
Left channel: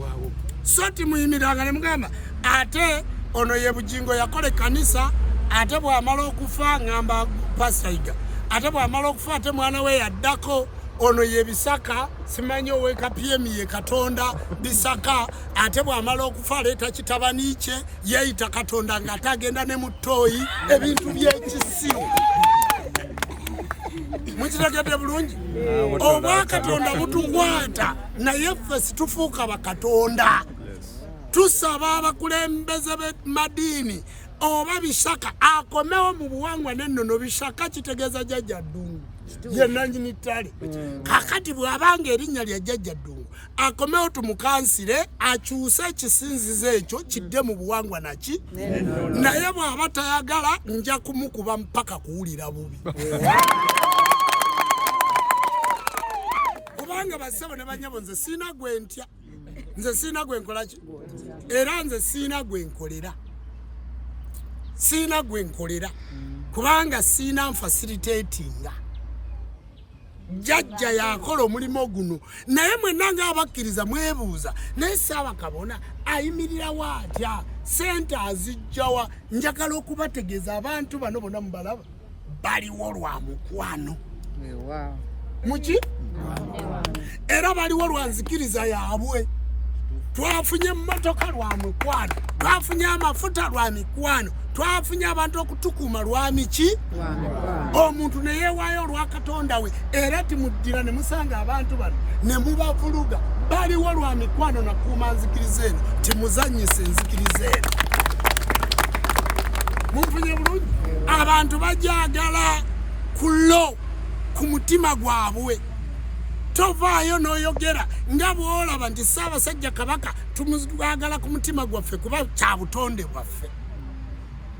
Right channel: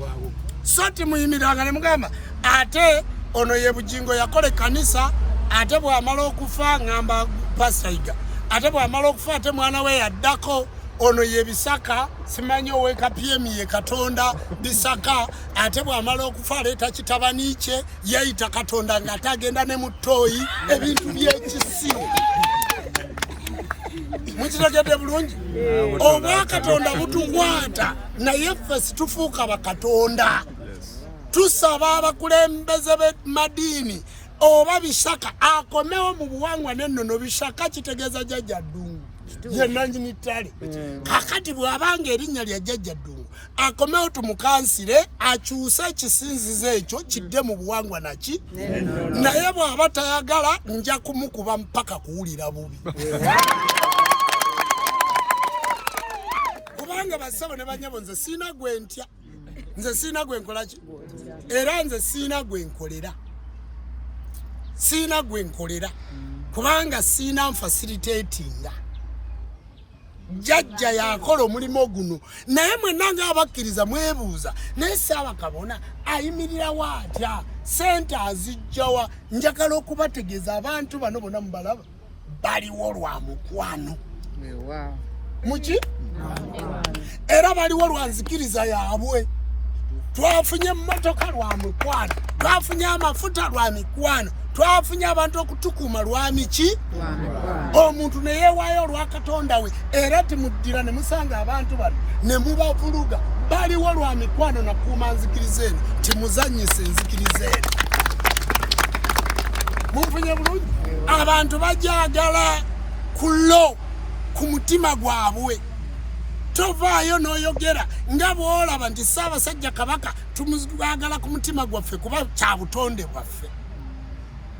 Waawo. So timuyimiranga ne mugamba ate ono ye Bugingo yakola ekkanisa ate bw'amala okufa ngamba Pasaiga ate bw'amala okufa ate mwana we yaddako ono ye Bisaka simanyi oweka PM ye Katonda Bisaka ate bw'amala okufa aleeta kitabani kye yayita Katonda ng'ate agenda ne mu ttooyi ebintu by'ekisiru. Mukitegedde bulungi? Obwa Katonda butukwata naye ffe situfuuka bakatonda. Tusaba abakulembeze b'emadiini oba Bisaka akomewo mu buwangwa n'ennono. Bisaka kitegeeza Jjajja Ddungu ye nannyini ttale. Kakati bw'abanga erinnya lya Jjajja Ddungu akomewo tumukansire akyuse ekisinzizo ekyo kidde mu buwangwa naki naye bw'aba tayagala nja kumukuba mpaka kuwulira bubi. Kubanga basabo ne banyabo nze siina gwe ntya. Nze siina gwe nkola ki? Era nze siina gwe nkolera. Siina gwe nkolera kubanga siina nfacilitatinga. jjajja yakola omulimu guno naye mwenna ng'abakkiriza mwebuuza naye Ssaabakabona ayimirirawo atya sente azijjawa njagala okubategeeza abantu bano bonna mubalaba baliwo lwa mukwano muki era baliwo lwa nzikiriza yaabwe twafunye emmotoka lwa mukwano twafunye amafuta lwa mikwano twafunye abantu okutukuuma lwa miki omuntu ne yeewaayo olwa Katonda we era timuddira ne musanga abantu bano ne mubavuluga baliwo lwa mikwano nakuuma nzikiriza eno timuzannyisa enzikiriza eno munfunye bulungi abantu bajagala kulo ku mutima gwabwe tovaayo n'oyogera nga bw'olaba nti Ssaabasajja Kabaka tumwagala ku mutima gwaffe kuba kya butonde bwaffe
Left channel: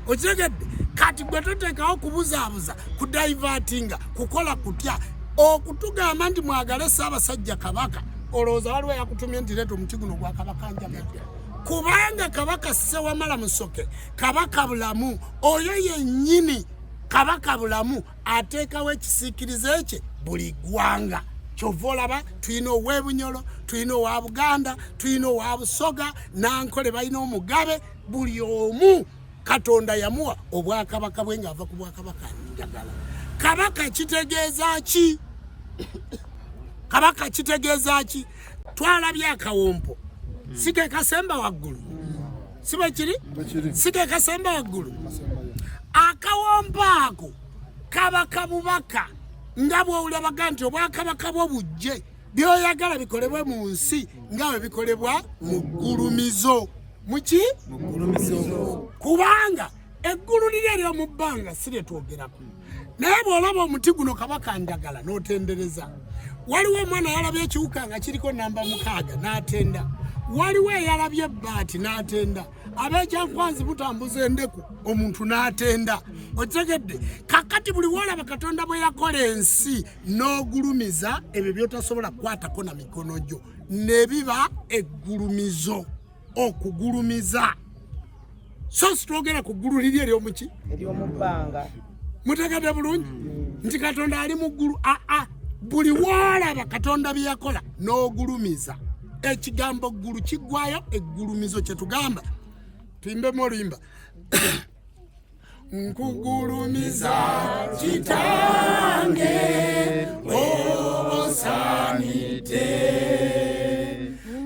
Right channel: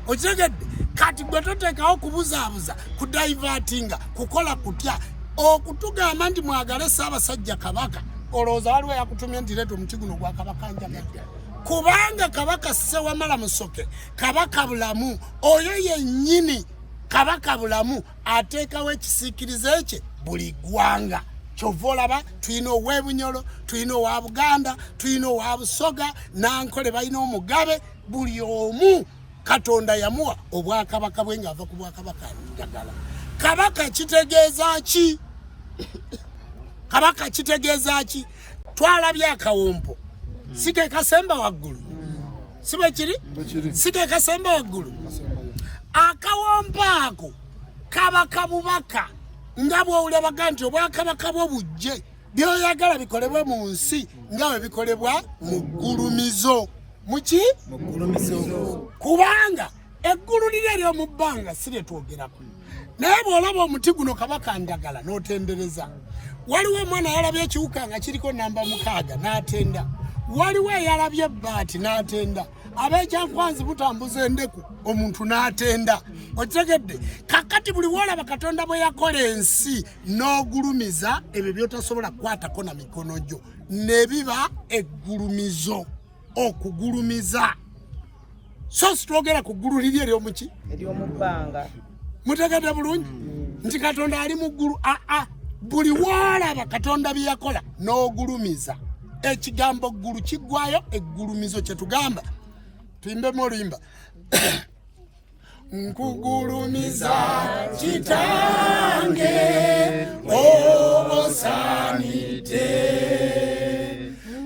okitegedde kati gwe toteekawo kubuzaabuza kudayivatinga kukola kutya okutugamba nti mwagale Ssaabasajja Kabaka olowooza waliwo yakutumye nti leeta omuti guno gwa Kabaka njagadde kubanga Kabaka Ssewamala Musoke Kabaka bulamu oyo yennyini Kabaka bulamu ateekawo ekisiikirize kye buli ggwanga kyova olaba tulina ow'Ebunyolo tulina owa Buganda tulina owa Busoga Nankole balina omugabe buli omu Katonda yamuwa obwakabaka bwe ng'ava ku bwakabaka njagala Kabaka kitegeeza ki Kabaka kitegeeza ki twalabye akawompo sike kasemba waggulu sibe kiri sike kasemba waggulu akawompo ako Kabaka bubaka nga bw'olabaga nti obwakabaka bwo bujje byoyagala bikolebwe mu nsi nga bwe bikolebwa mu ggulumizo muki kubanga eggulu liri ery'omu bbanga si lye twogerako naye bw'olaba omuti guno Kabaka ndagala n'otendereza waliwo omwana yalabye ekiwuka nga kiriko namba 6 n'atenda waliwo eyalabye ebbaati n'atenda ab'ekyankwanzi butambuza endeku omuntu n'atenda okitegedde kakati buli woolaba Katonda bwe yakola ensi n'ogulumiza ebyo byotasobola kukwatako na mikono gyo ne biba eggulumizo okugulumiza so sitwogera ku ggulu liri ery'omuki ery'omubbanga mutegedde bulungi nti Katonda ali mu ggulu buli woolaba Katonda bye yakola n'ogulumiza ekigambo ggulu kiggwayo eggulumizo kye tugamba tuyimbemu oluyimba nkugulumiza kitange obosanite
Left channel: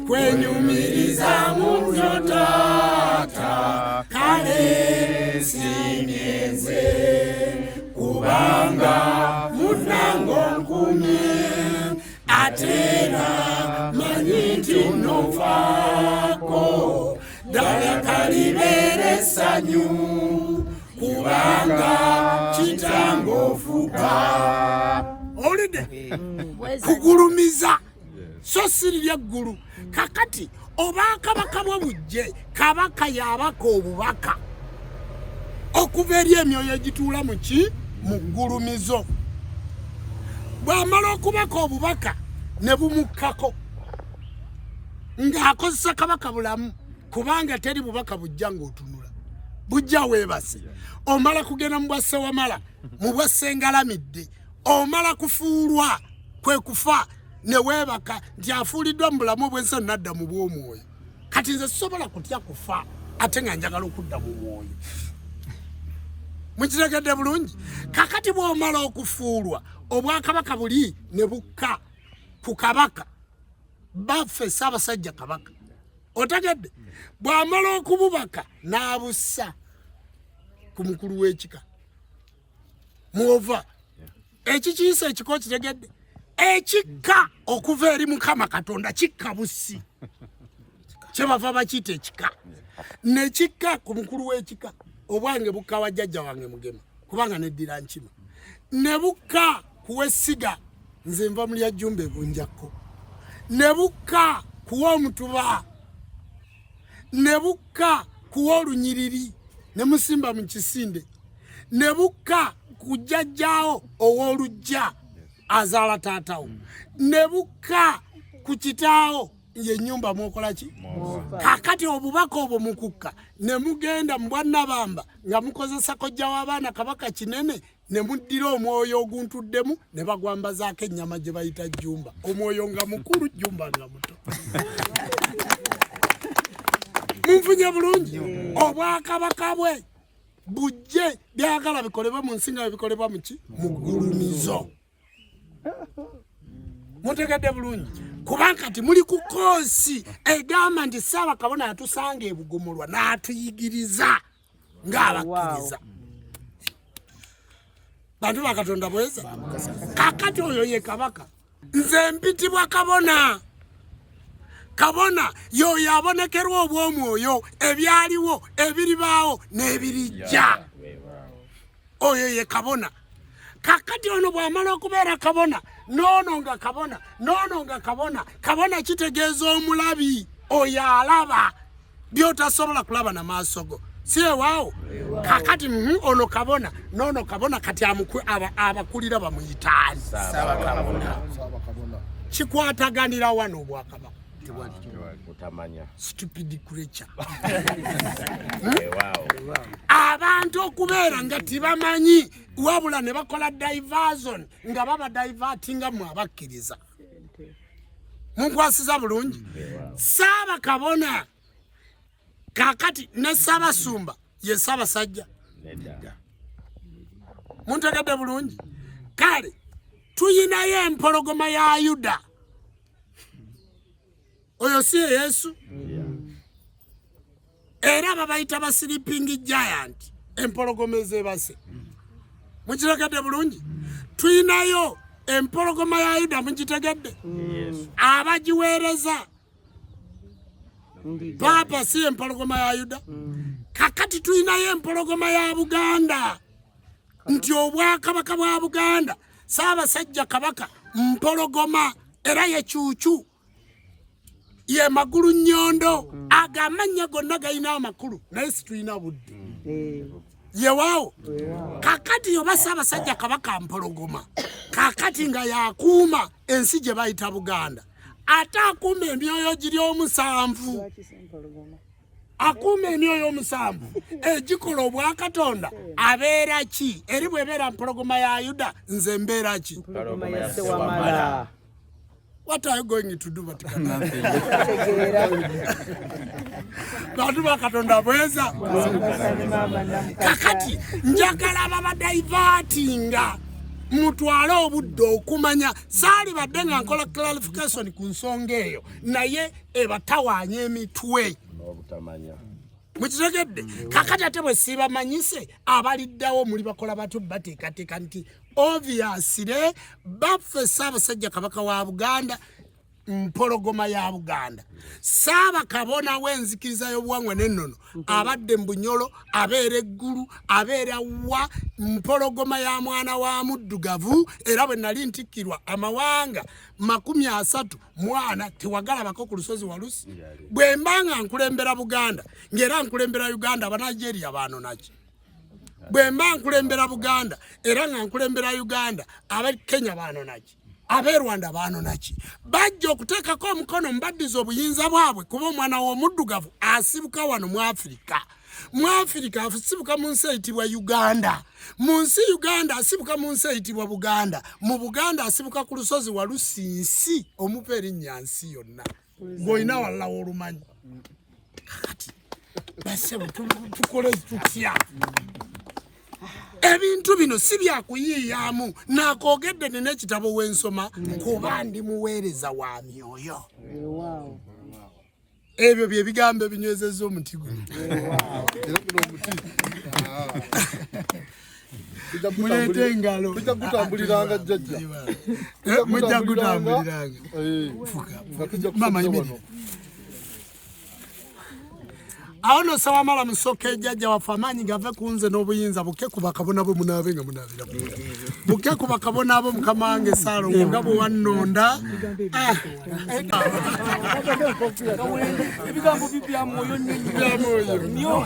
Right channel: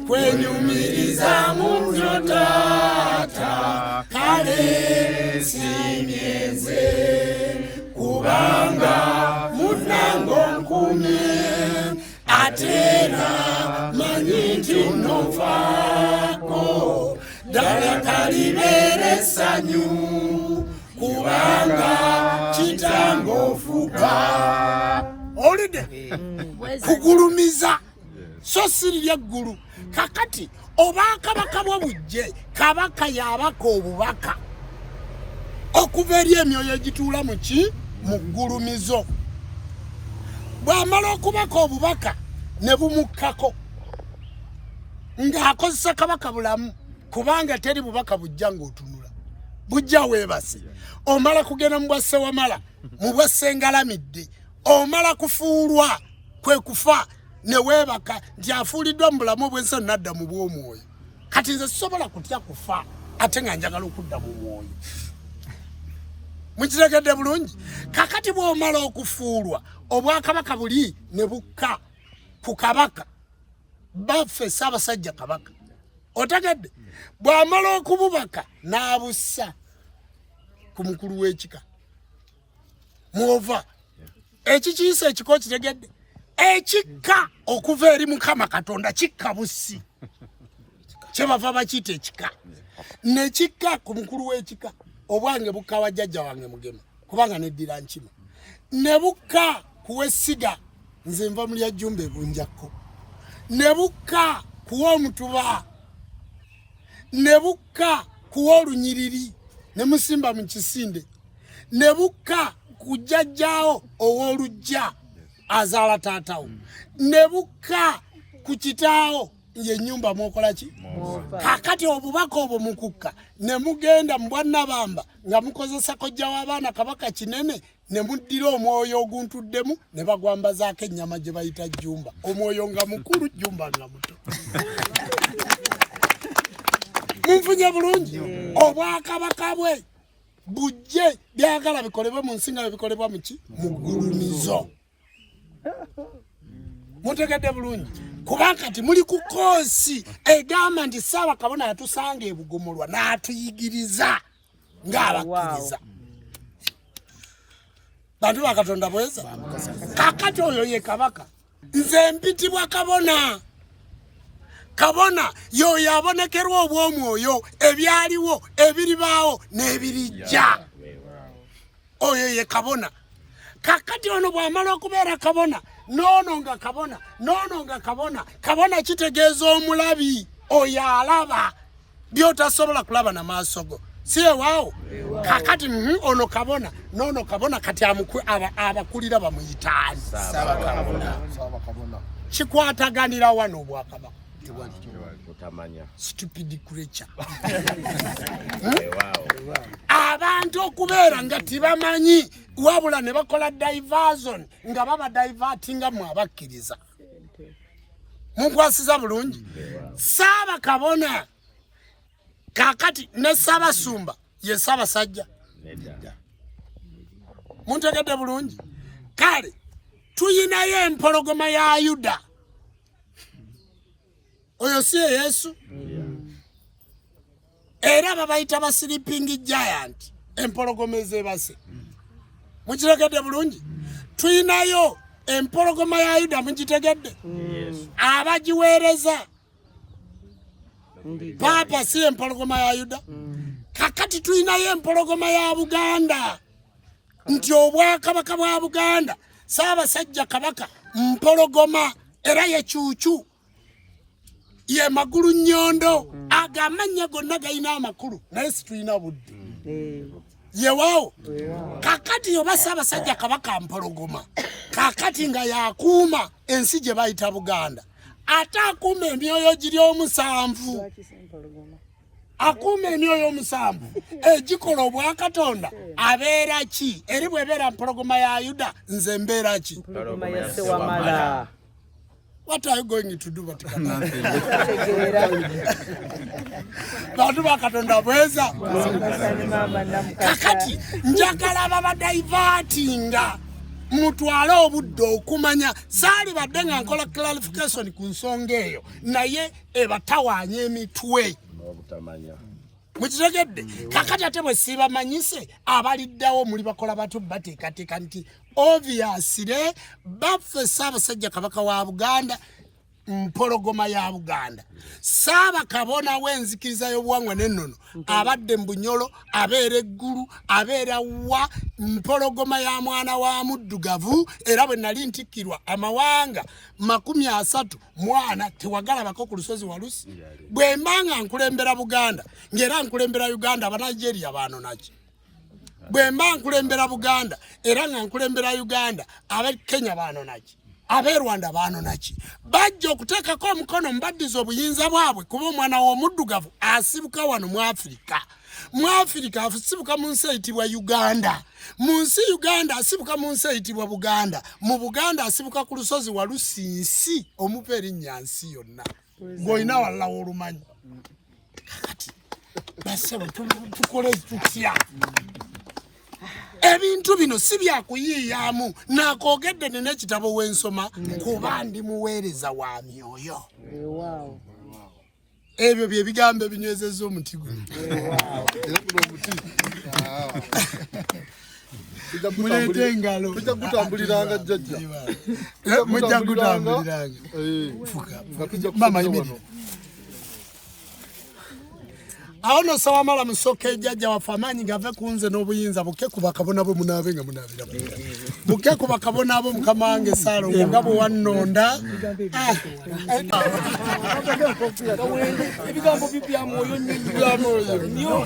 kwenyumiriza munyo tata kale sinyeze kubanga munango nkumye atera manyiti nofako dala kalibere sanyu kubanga kitango fuka olide kugulumiza so sirya ggulu kakati obakabaka bwo bujje Kabaka yabaka obubaka okuva eri emyoyo egituula muki mu ggulumizo bw'amala okubaka obubaka ne bumukkako ng'akozesa Kabaka bulamu kubanga teri bubaka bujja ng'otunula bujja weebase omala kugenda mu bwa Ssewamala mu bwa Ssengalamidde omala kufuulwa kwe kufa ne weebaka nti afuuliddwa mu bulamu bw'ensi nadda mu bw'omwoyo kati nze sisobola kutya kufa ate nga njagala okudda mu mwoyo mukitegedde bulungi kakati bw'omala okufuulwa obwakabaka buli ne bukka ku Kabaka baffe Ssaabasajja Kabaka otegedde bw'amala okububaka n'abussa ku mukulu w'ekika mwova ekikiyisa ekiko kitegedde ekikka okuva eri Mukama Katonda kikka bussi kyebava bakiyita ekika ne kikka ku mukulu w'ekika obwange bukka wa jjajja wange Mugema kubanga neddira nkima ne bukka kuw'essiga nze nva mu lya Jjumba Ebunjakko ne bukka kuwa Omutuba ne bukka kuwa Olunyiriri ne Musimba mu Kisinde ne bukka ku jjajjaawo ow'Olujja azaala taatawo ne bukka ku kitaawo y'ennyumba mwokola ki kakati obubaka obwo mukukka ne mugenda mu Bwannabamba nga mukozesa kojja w'abaana Kabaka Kinene ne muddira omwoyo oguntuddemu ne bagwambazaako ennyama gye bayita jjumba. Omwoyo nga mukulu, jjumba nga muto. Munfunye bulungi. Obwakabaka bwe bujje byagala bikolebwe mu nsi nga bikolebwa mu ki? Mu ggulumizo. Mutegedde bulungi. Kubanga kati muli ku koosi egamba nti Ssaabakabona yatusanga e Bugomolwa n'atuyigiriza ng'abakkiriza. Bantu ba Katonda bweza. Kakati oyo ye kabaka. Nze mpitibwa kabona. Kabona yoyo abonekerwa obw'omwoyo ebyaliwo ebiribaawo n'ebirijja. Oyo ye kabona. Kakati ono bw'amala okubeera kabona noono nga kabona kitegeeza omulabi oyo alaba by'otasobola kulaba na maaso go. Si ewaawo kakati ono kabona noono kabona kati abakulira bamuyitaani Ssaabakabona. Kikwataganira wano obwakabaka. Stupid creature. Abantu okubeera nga tibamanyi wabula ne bakola diversion nga baba divertinga mu abakkiriza. Munkwasiza bulungi. Ssaabakabona kakati ne Ssaabasumba ye Ssaabasajja. Muntegedde bulungi. Kale tuyinayo empologoma ya Yuda. Oyo si Yesu. Era babayita ba sleeping giant, empologoma ezebase. Mukitegedde bulungi. Tuyinayo empologoma ya Yuda, mukitegedde. Abagiweereza Papa si empologoma ya Yuda. Kakati tuyinayo empologoma ya Buganda. Nti obwakabaka bwa Buganda Ssaabasajja Kabaka mpologoma era ye Cuucu. Ye magulu nnyondo agamanya gonna galina amakulu naye situyina budde. Ye waawo. Kakati oba Ssaabasajja Kabaka mpologoma. Kakati nga yakuuma ensi gye bayita Buganda. Ate akuuma emyoyo giri omusanvu. Akuuma emyoyo omusanvu. Egikola obwakatonda abeera ki? Eri bw'ebeera mpologoma ya Yuda nze mbeera ki? Mpologoma ya Ssewamala. What are you going to do? Bantu ba Katonda bweza. Kakati njagala baba divertinga mutwale obudde okumanya saali badde nga nkola clarification ku nsonga eyo naye ebatawaanya emitwe. Mukitegedde. Kakati ate bwe siibamanyise abaliddawo muli bakola batu bateekateeka nti obviously baffe Ssaabasajja Kabaka wa Buganda mpologoma ya Buganda. Ssaabakabona w'enzikiriza y'obuwangwa n'ennono abadde mu Bunyolo abeera eggulu abeera wa mpologoma ya mwana wa muddugavu era bwe nali ntikkirwa amawanga 30 tewagalabako ku lusozi Walusi. Bwe mbanga nkulembera Buganda ng'era nkulembera Uganda Abanigeria baano naki. Bwe mba nkulembera Buganda era nga nkulembera Uganda ab'e Kenya baano naki. Ab'e Rwanda baano naki. Bajja okuteekako omukono mbaddiza obuyinza bwabwe kuba omwana w'omuddugavu asibuka wano mu Afirika. Mu Afirika asibuka mu nsi eyitibwa Uganda. Mu nsi Uganda asibuka mu nsi eyitibwa Buganda. Mu Buganda asibuka ku lusozi Walusinsi omupa erinnya nsi yonna. Ng'olina walala w'olumanyi. Kakati basebo tukole tutya. Ebintu bino si byakuyiiyaamu nakoogedde nina ekitabo w'ensoma kuba ndi muweereza wa myoyo. Ebyo bye bigambo ebinywezezza omuti guno. Muleete engalo. Tujja kutambuliranga jjajja. Mujja kutambuliranga. Mama yimiri. Aho no Ssewamala musoke ejjajja waffe amaanyi gave ku nze n'obuyinza bukke ku bakabona bo munaabe nga munaabira bukke ku bakabona bo Mukama wange Ssaalongo nga bwe wannonda. Ebigambo bya mwoyo nnyo.